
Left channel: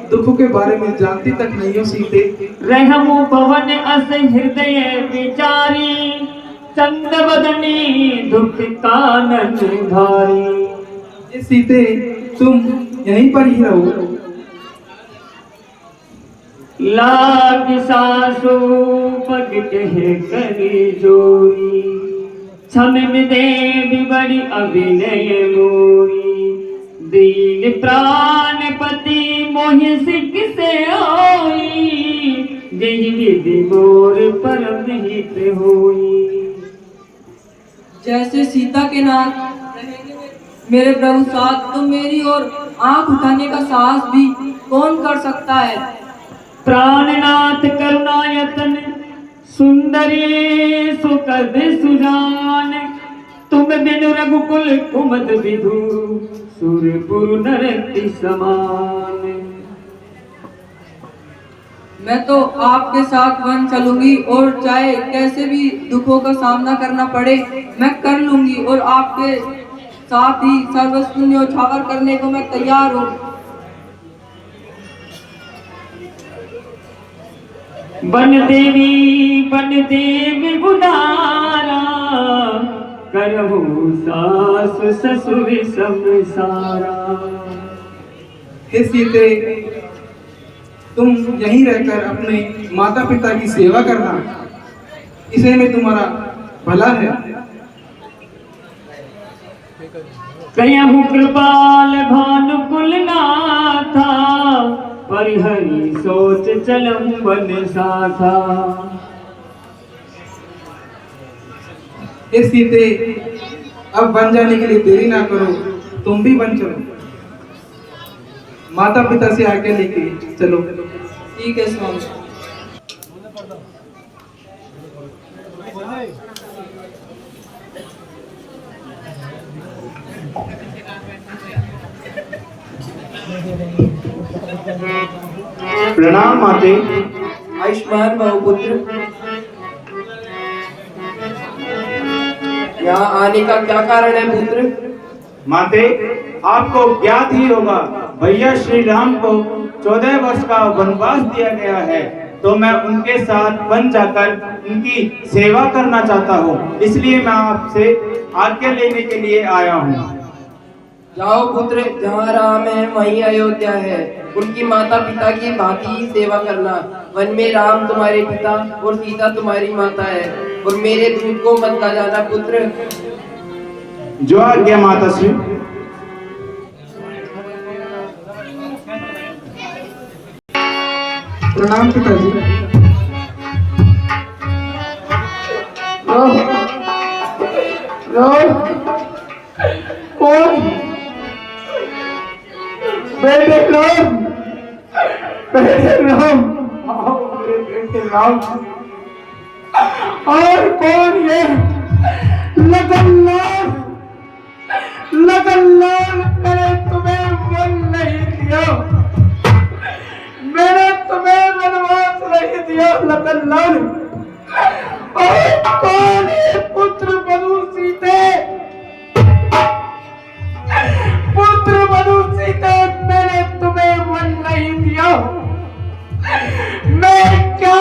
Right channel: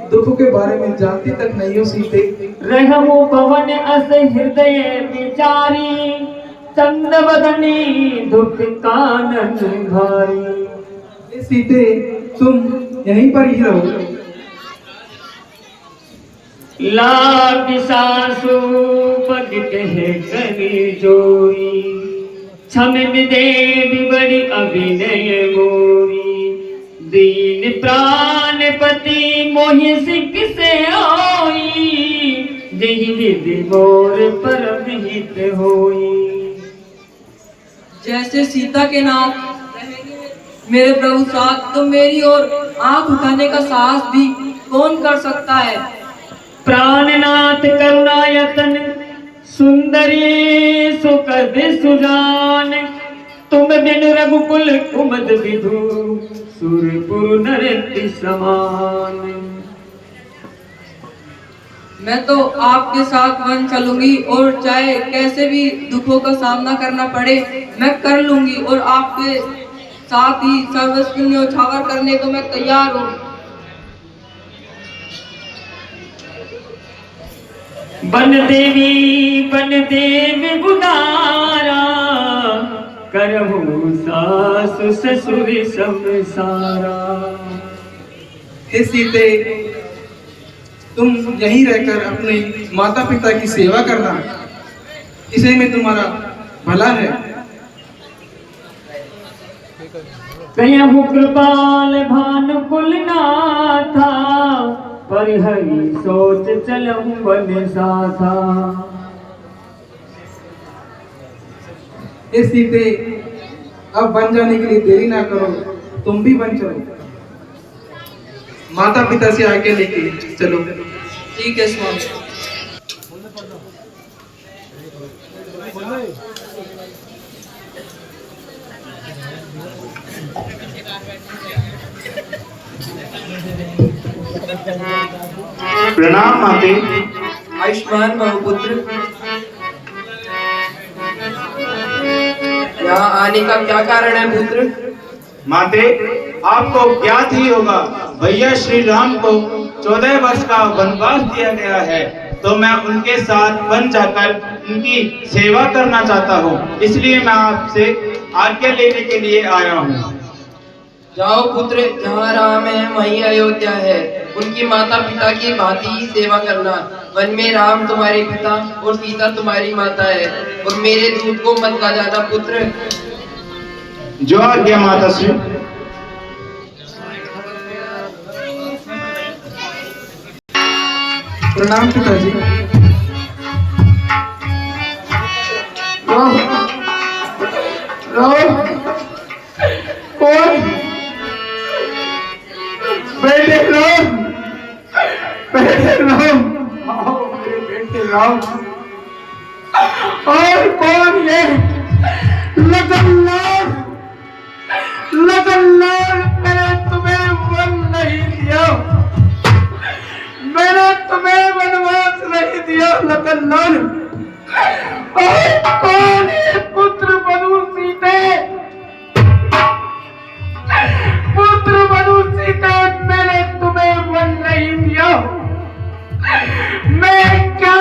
दुखों के बारे में जानती तक नहीं हो सीते। रहमु पवन अस हृदय विचारी, चंद बदनी दुख कानन भारी। ये सीते, तुम यहीं पर ही रहो। लाग सासु पद कहे करी जोरी, छमिन देवी बड़ी अभिनय मोरी। दीन प्राणपति मोहि सिख से आई, जही विधि मोर परम हित होई। जैसे सीता के नाथ रहेंगे मेरे प्रभु साथ, तो मेरी ओर आंख उठाने का साहस भी कौन कर सकता है। प्राणनाथ करुणायतन, सुंदरी सुकद सुजान। तुम बिनु रघुकुल कुमद विधु, सुरपुर नरति समान। मैं तो आपके साथ वन चलूंगी और चाहे कैसे भी दुखों का सामना करना पड़े मैं कर लूंगी, और आपके साथ ही सर्वस्व न्योछावर करने को मैं तैयार हूँ। बन देवी गुदारा, करहु सास ससुर संसारा। हे सीते, तुम यहीं रहकर अपने माता पिता की सेवा करना, इसे में तुम्हारा भला है। कहु कृपाल भानुकुल नाथा, परिहरि सोच चलम वन साथा। हे सीते, अब बन जाने के लिए देरी ना करो, तुम भी बन चलो। माता पिता से आगे लेके चलो। ठीक है स्वामी। प्रणाम माते। आयुष्मान बहुपुत्र, यहाँ आने का क्या कारण है पुत्र? माते, आपको ज्ञात ही होगा, भैया श्री राम को 14 वर्ष का वनवास दिया गया है, तो मैं उनके साथ वन जाकर उनकी सेवा करना चाहता हूँ। इसलिए मैं आपसे आज्ञा लेने के लिए आया हूँ। जाओ पुत्र, जहाँ राम है वहीं अयोध्या है। उनकी माता पिता की भांति ही सेवा करना, वन में राम तुम्हारे पिता और सीता तुम्हारी माता है, और मेरे दूध को मत ला जाना पुत्र। जो आज्ञा माता श्री। प्रणाम पिताजी। कौन? बेटे राम, बेटे राम, आओ मेरे बेटे राम। और कौन ये? लगनलाल, लगनलाल, मैंने तुम्हें वन नहीं दिया, मैंने तुम्हें वनवास नहीं दिया लगनलाल। और कौन है पुत्र बनु सीते? पुत्र बनु सीते, मैंने तुम्हें वन नहीं दिया। मैं क्या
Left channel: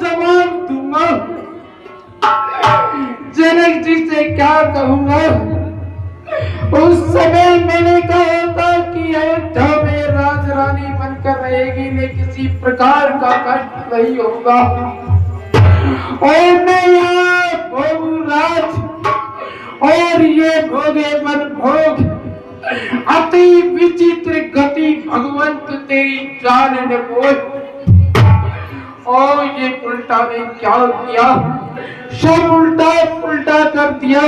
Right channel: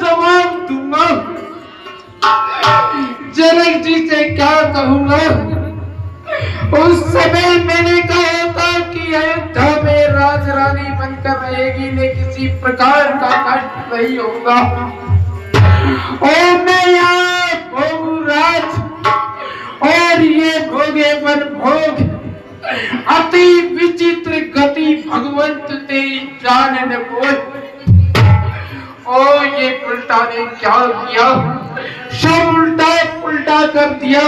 जवाब दूंगा? जनक जी से क्या कहूंगा? उस समय मैंने कहा था कि अयोध्या में राजरानी बनकर रहेगी, ने किसी प्रकार का कष्ट नहीं होगा। और मैं यहाँ भोगू राज, और ये भोगे बन भोग, अति विचित्र गति भगवंत तेरी जान ने बोल। और ये उल्टा ने क्या किया? सब उल्टा उल्टा कर दिया।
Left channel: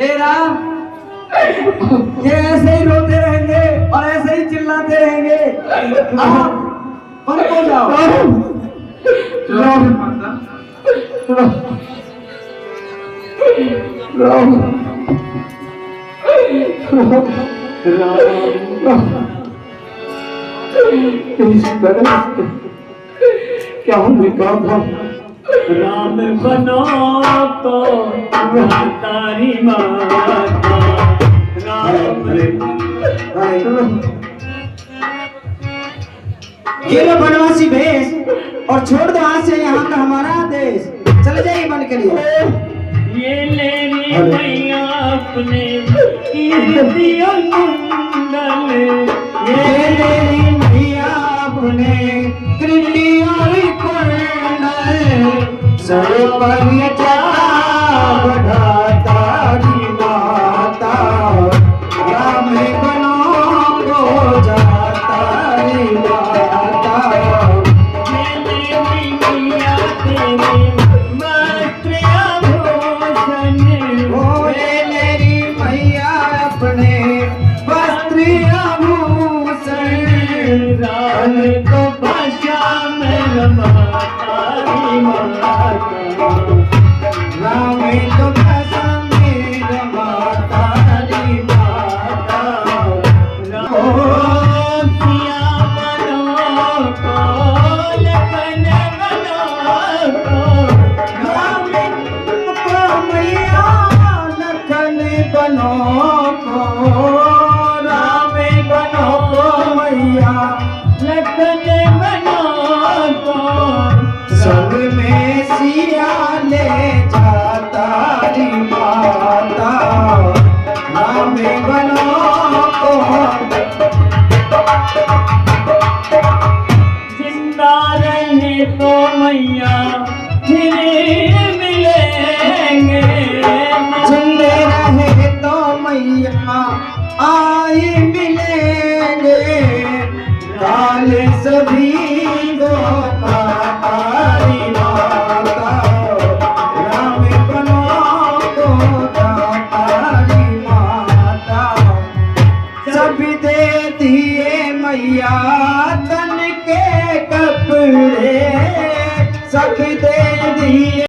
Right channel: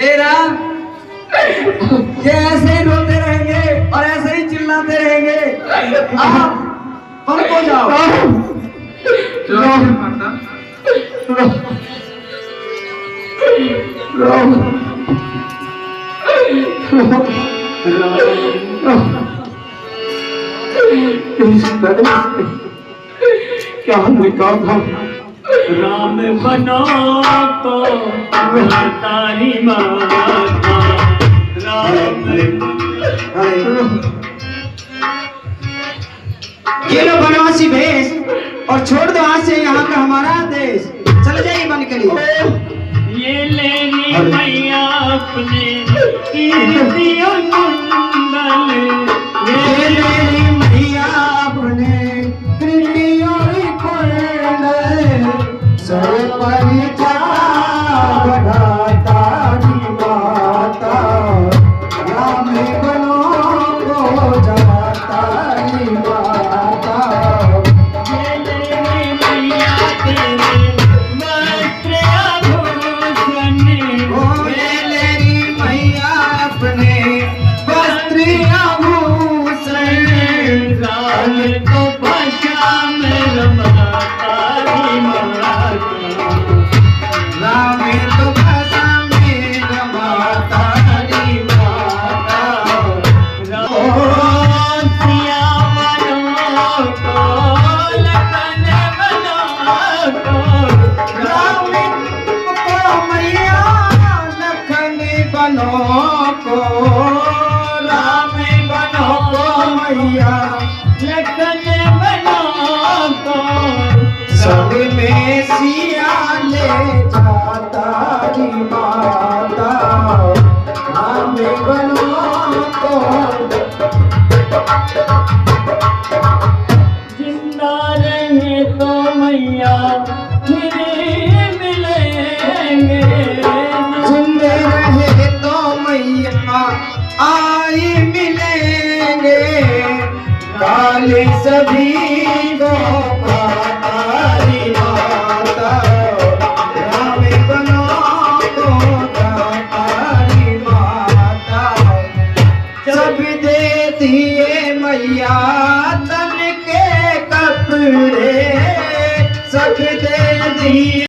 हे राम, ये ऐसे ही रोते रहेंगे और ऐसे ही चिल्लाते रहेंगे। आप वन को जाओ। राम, राम, इस तरह से क्या निकाल था? राम बनो तो तारी माता, राम ये लो बनवासी भेष, और छोड़ दो आज से यहाँ का हमारा देश। चल जाइए वन के लिए। ये लेनी मैया अपने कीर्तियों कुंडल, ये लेनी मैया अपने कृतियों कुंडल, सर पर जटा बढ़ाता री माता, राम बनो को जाता री माता। ये लेनी मैया तेरे वस्त्र आभूषण, ओ ये लेनी मैया अपने वस्त्र आभूषण, राम को भाषा में रमाता री माता, राम तो भाषा में रमाता री माता। सिया बनो को लखन बनो को, राम को मैया लखन बनो को, राम बनो को मैया लखन बनो को, सब में सिया ले जाता री माता, राम बनो को। जिंदा रहे तो मैया फिर मिलेंगे, जिंदे रहे तो मैया आई मिलेंगे, काल सभी को पातारी माता, राम बनो को दातारी माता। सब दे दिए मैया तन के कपड़े, सब दे दिए